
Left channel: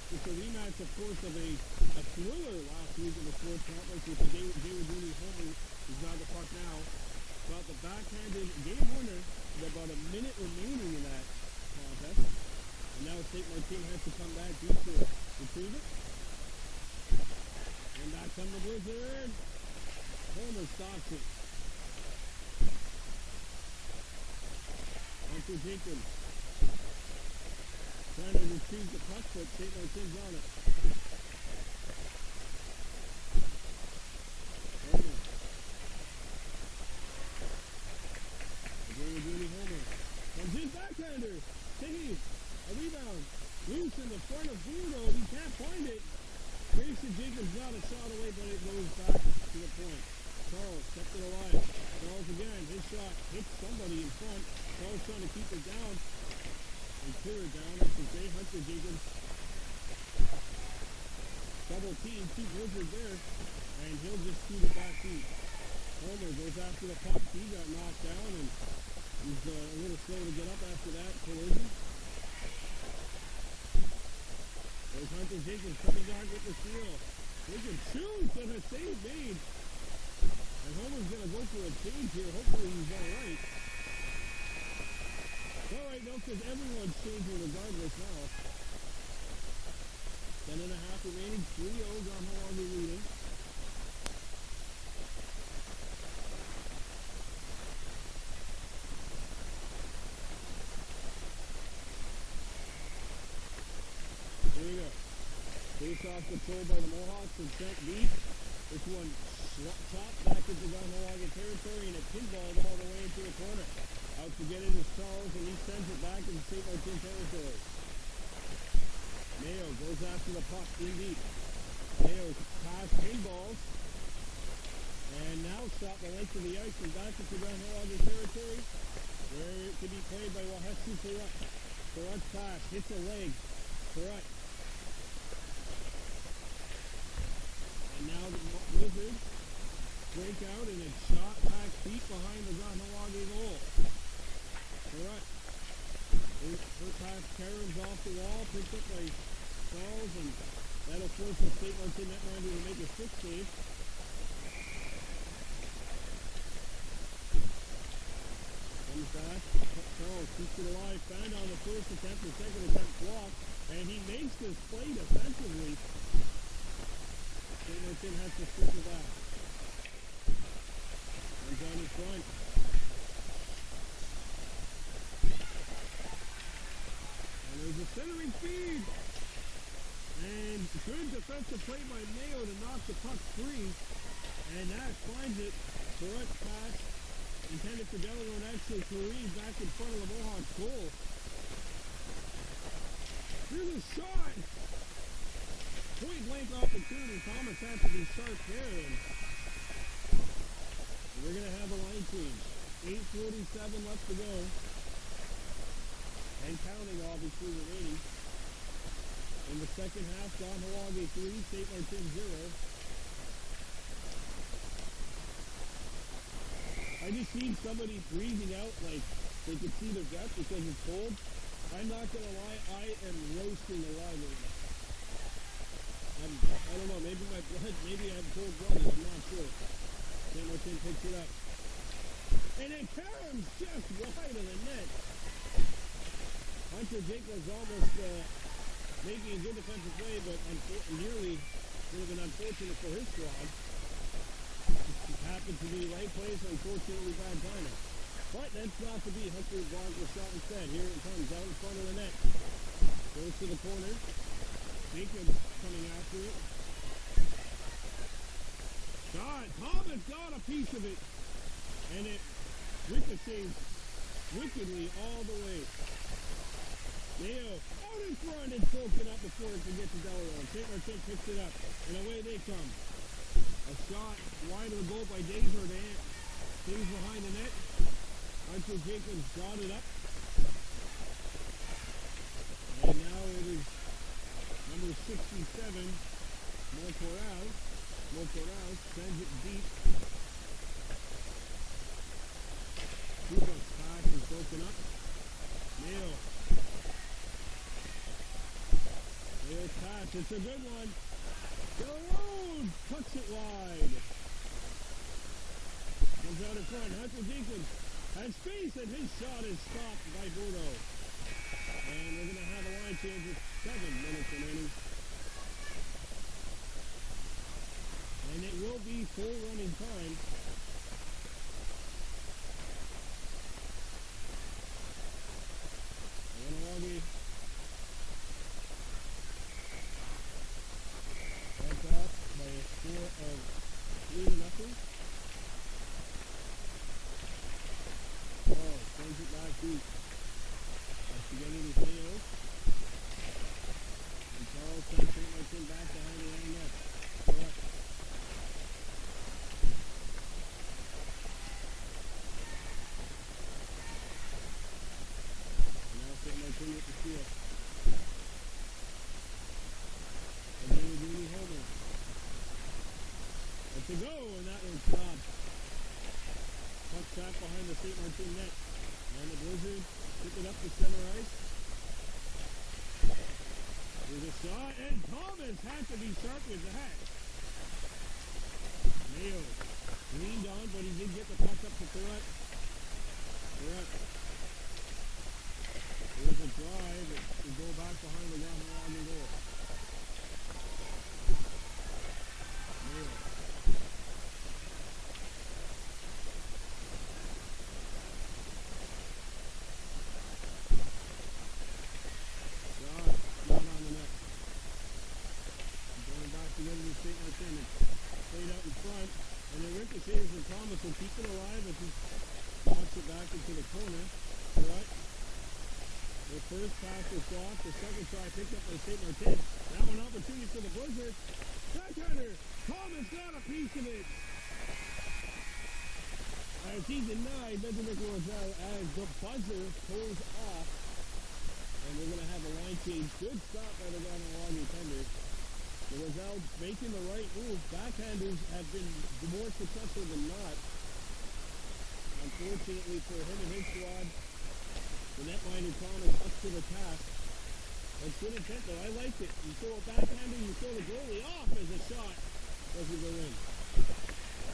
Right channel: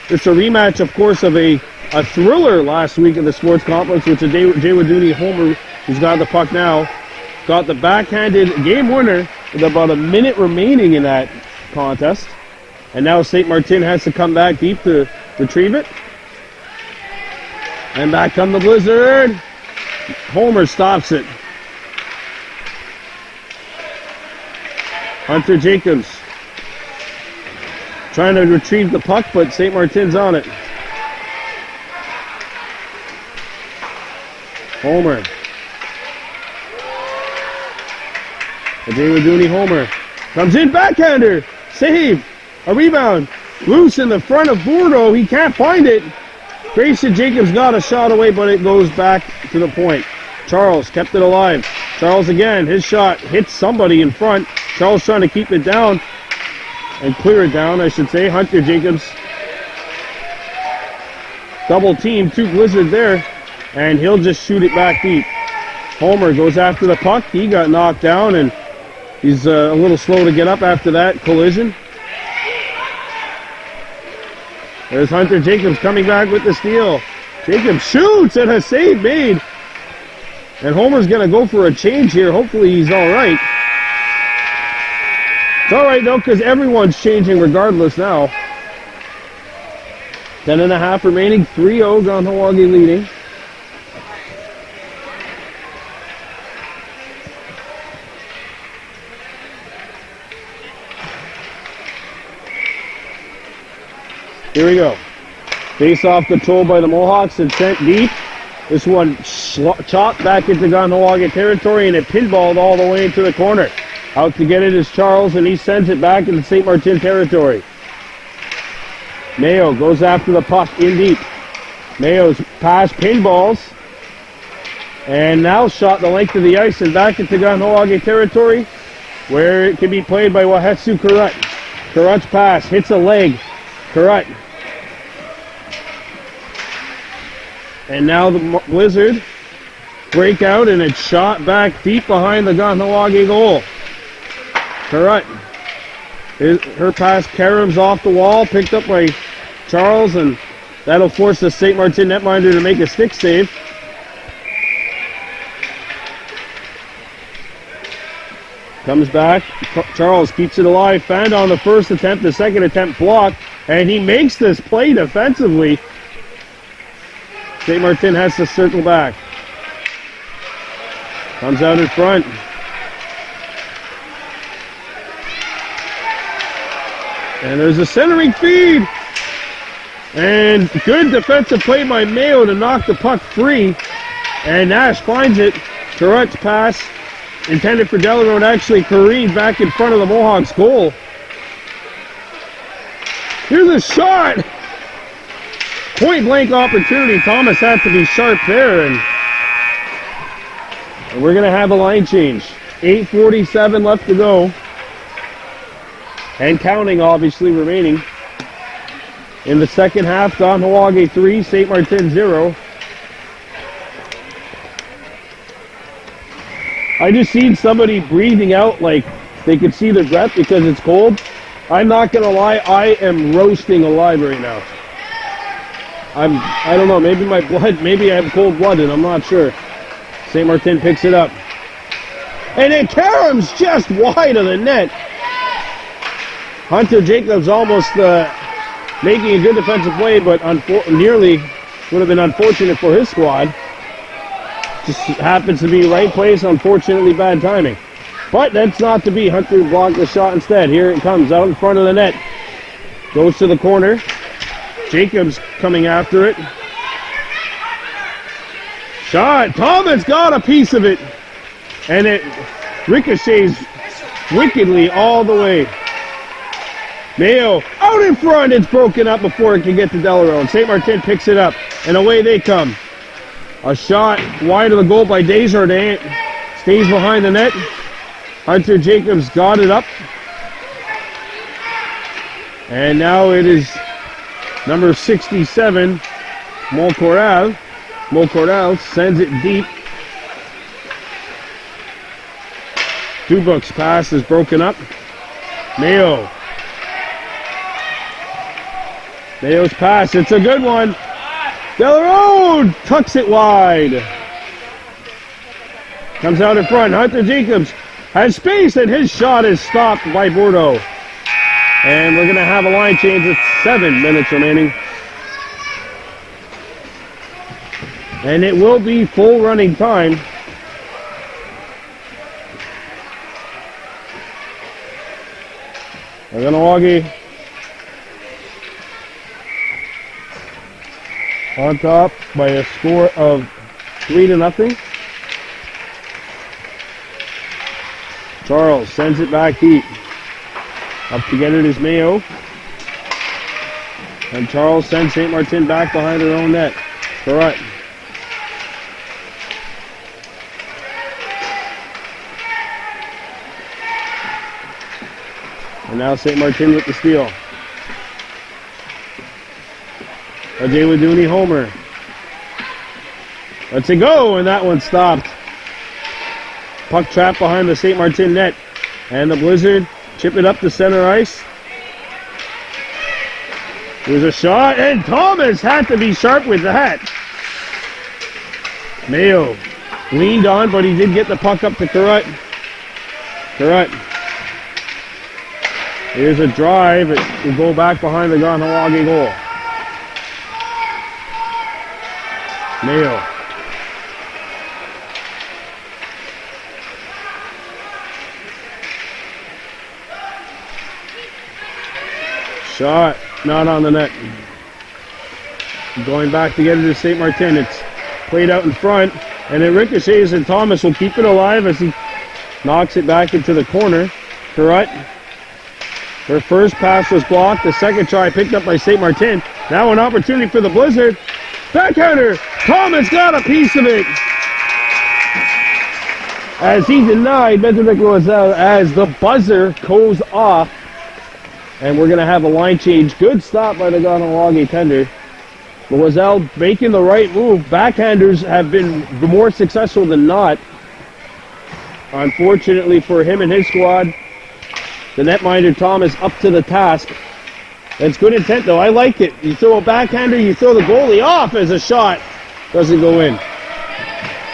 It's a rematch, of course, of a thriller last week in the sports complex, which is Jay Waduni Homer, who's got the puck now, got the backhanded game winner with about a minute remaining in that contest. And now Ste-Martine has to come back deep to retrieve it. And back come the Blizzard. Homer stops it. Hunter Jacobs trying to retrieve the puck, but Ste-Martine's on it. Homer. Adewuduni Homer. Comes in, backhander. Save. A rebound. Loose in the front of Bordeaux. He can't find it. Grayson Jacobs got a shot away, but it goes back to the point. Charles kept it alive. Charles again, his shot hits somebody in front. Charles trying to keep it down and clear it down, I should say. Hunter Jacobs double team, 2 Blizzard there, and he'll just shoot it back deep. Homer goes after the puck. He got knocked down, and he's a little slow to get up after that collision. There's Hunter Jacobs coming back with the steal. Jacobs shoots and a save made. And Homer's going to go for a change here. Hopefully he's all right. It's all right, though, because everyone's changing regardless now. 10.5 remaining. 3-0, Kahnawake leading. Here we go. Face-off controlled by the Mohawks and sent deep. This one chopped back into Kahnawake territory, and it pinballed all the way into the corner. Out to get it is Charles, and he sends it back into Ste-Martine territory. Mayo goes after the puck in deep. Mayo's pass pinballs, and now shot the length of the ice and back into Kahnawake territory, where it can be played by Wahetsu Kurut. Kurut's pass hits a leg. Kurut. And now the Blizzard break out, and it's shot back deep behind the Kahnawake goal. Kurut. Her pass caroms off the wall, picked up by Charles, and that'll force the Ste-Martine netminder to make a stick save. Comes back. Charles keeps it alive. Found on the first attempt, the second attempt blocked, and he makes this play defensively. Ste-Martine has to circle back. Comes out in front. And there's a centering feed. And good defensive play by Mayo to knock the puck free. And Nash finds it. Kurut's pass intended for Delarone actually careened back in front of the Mohawks goal. Here's a shot. Point blank opportunity. Thomas had to be sharp there, and we're going to have a line change. 8:47 left to go. And counting, obviously, remaining. In the second half, Kahnawake 3, Ste-Martine 0. I just seen somebody breathing out like they could see their breath because it's cold. I'm not going to lie, I am roasting alive right now. I don't know, maybe my blood, maybe I have cold blood and I'm not sure. Ste-Martine picks it up. And it caroms just wide of the net. Hunter Jacobs almost making a good defensive play, but nearly would have been unfortunate for his squad. Just happens to be right place, unfortunately bad timing. But that's not to be. Hunter blocked the shot instead. Here it comes out in front of the net. Goes to the corner. Jacobs coming after it. Shot. Thomas got a piece of it. And it ricochets wickedly all the way. Mayo out in front. It's broken up before it can get to Delarone. Ste-Martine picks it up. And away they come. A shot wide of the goal by Desjardins. Stays behind the net. Hunter Jacobs got it up. And now it is number 67, Molcoral. Molcoral sends it deep. Dubuk's pass is broken up. Mayo. Mayo's pass, it's a good one. Delarone tucks it wide. Comes out in front. Hunter Jacobs has space, and his shot is stopped by Bordeaux. And we're going to have a line change with 7 minutes remaining. And it will be full running time. Kahnawake on top by a score of 3-0. Charles sends it back deep. Up to get it is Mayo. And Charles sends Ste-Martine back behind her own net. Correct. And now Ste-Martine with the steal. Ajay Waduni homer. Let's it go, and that one stopped. Puck trapped behind the Ste-Martine net. And the Blizzard chip it up to center ice. There's a shot, and Thomas had to be sharp with that. Mayo leaned on, but he did get the puck up to Carrot. Carrot. Here's a drive. It will go back behind the Kahnawake goal. Mayo. Shot, not on the net. Going back to get it to Ste-Martine. It's played out in front, and it ricochets, and Thomas will keep it alive as he knocks it back into the corner. Carrot. Her first pass was blocked. The second try picked up by Ste-Martine. Now an opportunity for the Blizzard. Backhander. Thomas got a piece of it. As he denied Benedict Roselle as the buzzer goes off. And we're going to have a line change. Good stop by the Kahnawake tender. Roselle making the right move. Backhanders have been more successful than not. Unfortunately for him and his squad, the netminder Thomas up to the task. That's good intent though. I like it. You throw a backhander, you throw the goalie off as a shot. Doesn't go in.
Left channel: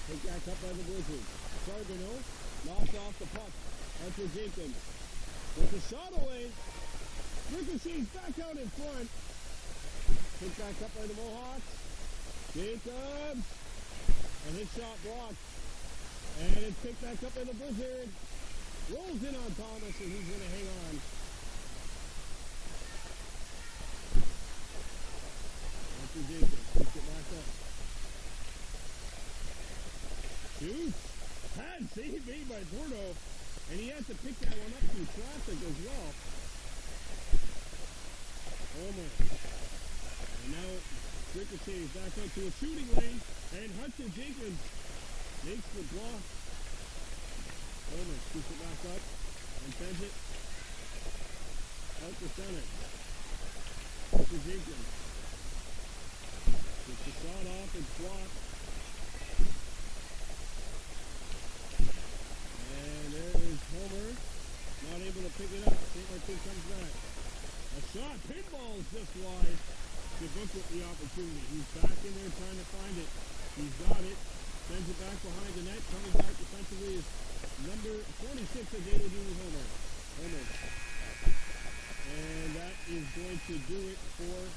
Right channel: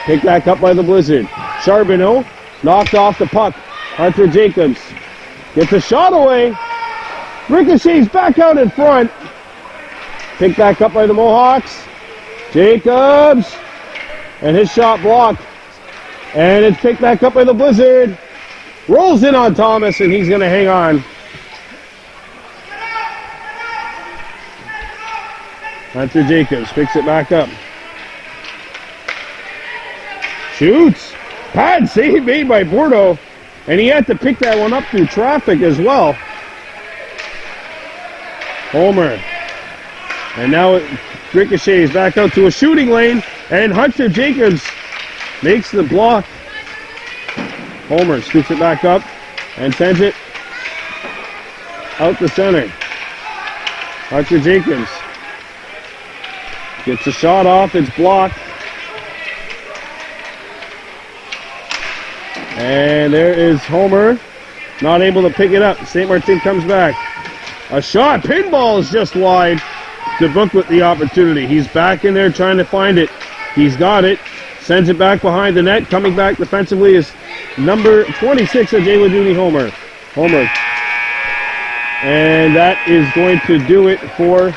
Picked back up by the Blizzard. Charbonneau knocked off the puck. Hunter Jacobs gets a shot away. Ricochets back out in front. Picked back up by the Mohawks. Jacobs. And his shot blocked. And it's picked back up by the Blizzard. Rolls in on Thomas, and he's going to hang on. Hunter Jacobs picks it back up. Shoots. Pad save made by Bordeaux. And he had to pick that one up through traffic as well. Homer. And now it ricochets back out to a shooting lane. And Hunter Jacobs makes the block. Homer scoops it back up and sends it out the center. Hunter Jacobs gets a shot off. It's blocked. And there is Homer. Not able to pick it up. Ste-Martine comes back. A shot. Pinball is just wide. DeBook with the opportunity. He's back in there trying to find it. He's got it. Sends it back behind the net. Coming back defensively is number 26, Ajay Waduni Homer. Homer. And that is going to do it for...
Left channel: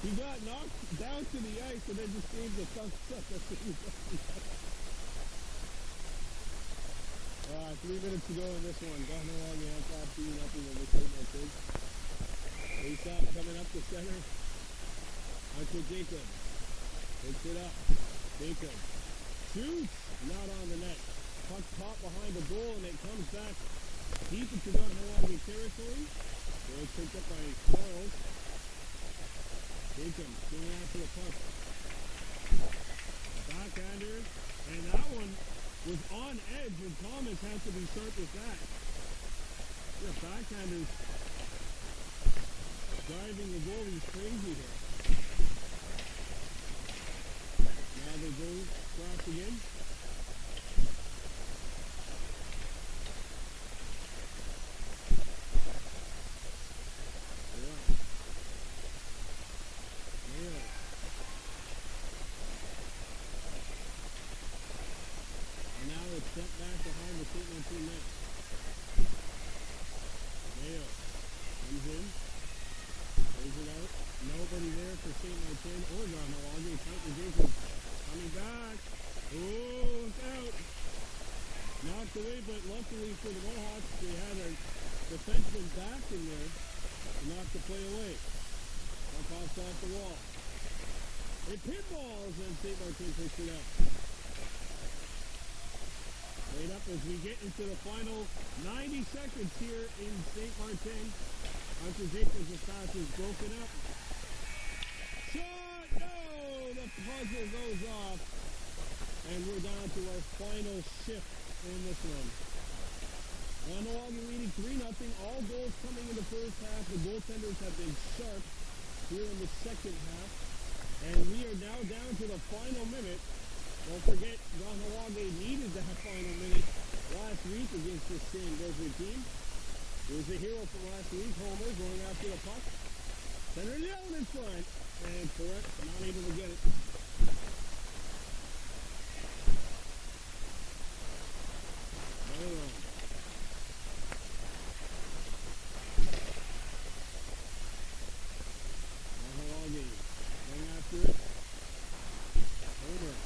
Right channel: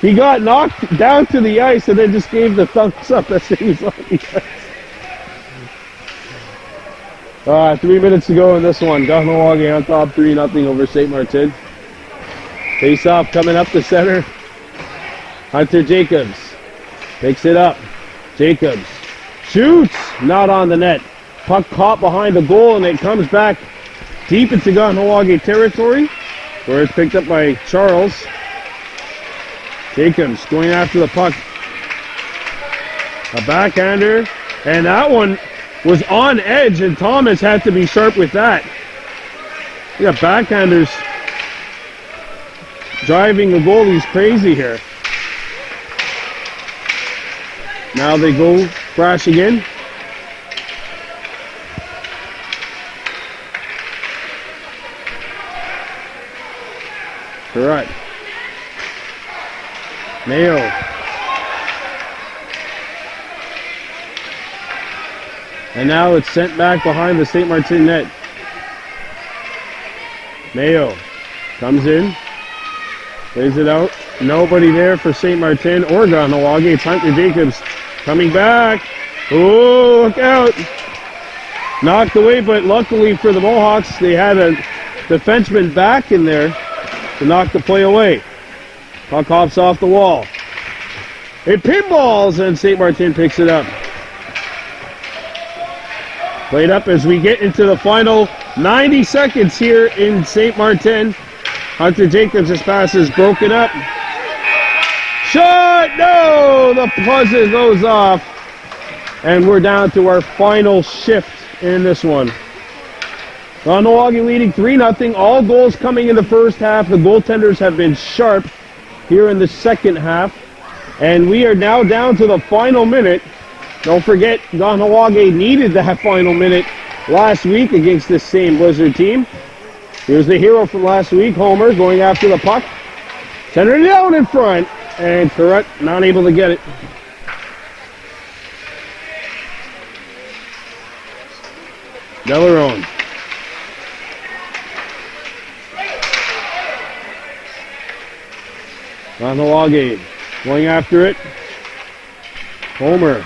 He got knocked down to the ice and then just gave the thumbs up as he was on the ice. 3 minutes to go in this one. Kahnawake on top 3-0 over Ste-Martine. Face off coming up the center. Hunter Jacobs picks it up. Jacobs shoots, not on the net. Puck caught behind the goal, and it comes back deep into Kahnawake territory, where it's picked up by Charles. Jacobs going after the puck. A backhander, and that one was on edge, and Thomas had to be sharp with that. You got backhanders driving the goalies crazy here. Now they go crashing in. Correct. Mayo. And now it's sent back behind the Ste-Martine net. Mayo comes in. Plays it out. Nobody there for Ste-Martine or Kahnawake. It's Hunter Jacobs coming back. Oh, look out. Knocked away, but luckily for the Mohawks, they had a defenseman back in there to knock the play away. Puck hops off the wall. It pinballs, and Ste-Martine picks it up. Played up as we get into the final 90 seconds here in Ste-Martine. Hunter Jacobs' pass is broken up. Shot! No! The buzzer goes off. And we're down to our final shift in this one. Kahnawake leading 3-0. All goals coming in the first half. The goaltenders have been sharp here in the second half. And we are now down to the final minute. Don't forget, Kahnawake needed that final minute last week against this same Blizzard team. Here's the hero from last week, Homer, going after the puck. Sender it down in front, and Correct not able to get it. Delarone. Kahnawake going after it. Homer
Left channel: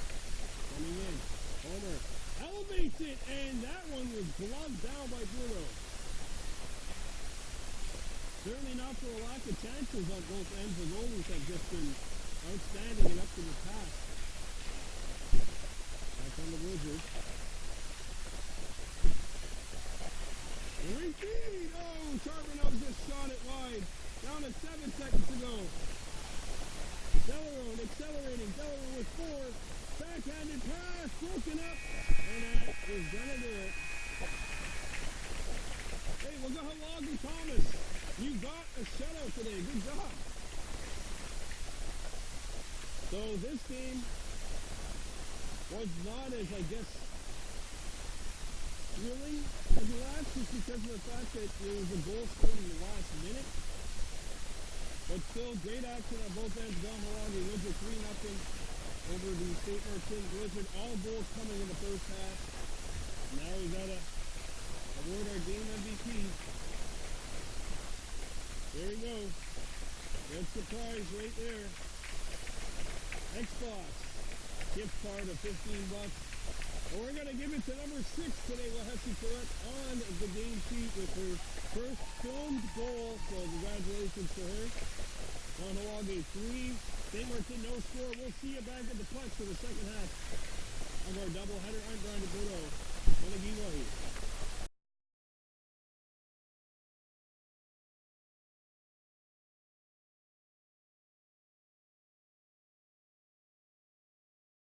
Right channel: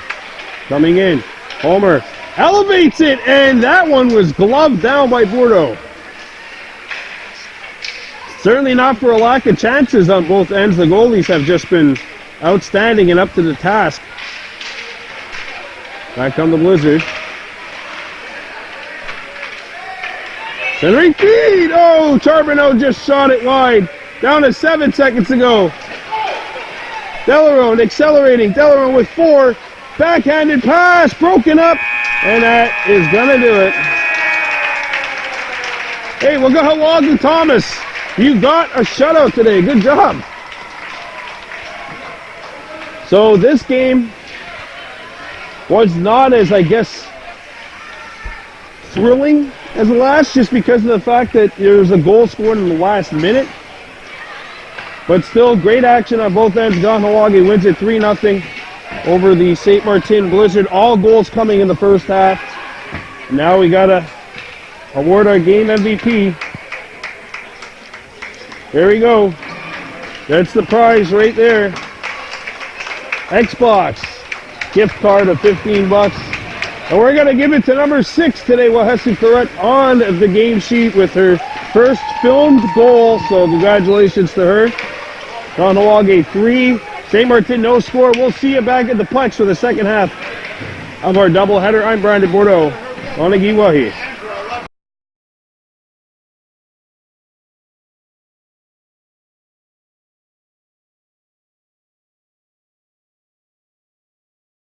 coming in. Homer elevates it, and that one was gloved down by Bordeaux. Certainly not for a lack of chances on both ends. The goalies have just been outstanding and up to the task. Back come the Blizzard. Centering feed! Oh, Charbonneau just shot it wide. Down to 7 seconds to go. Delarone accelerating. Delarone with 4. Backhanded pass, broken up. And that is going to do it. Hey, we'll go along to Thomas. You got a shutout today. Good job. So this game was not as, I guess, thrilling as the last, just because of the fact that there was a goal scored in the last minute. But still, great action on both ends. Kahnawake wins it 3-0 over the Ste-Martine Blizzard. All goals coming in the first half. Now we got to award our game MVP. There we go. That's the prize right there. Xbox gift card of $15. And we're going to give it to number 6 today, Wahesi Correct, on the game sheet with her first filmed goal. So congratulations to her. Kahnawake 3, Ste-Martine no score. We'll see you back at the Plex for the second half of our doubleheader. I'm Brandon Bordeaux. Onigi Wahi.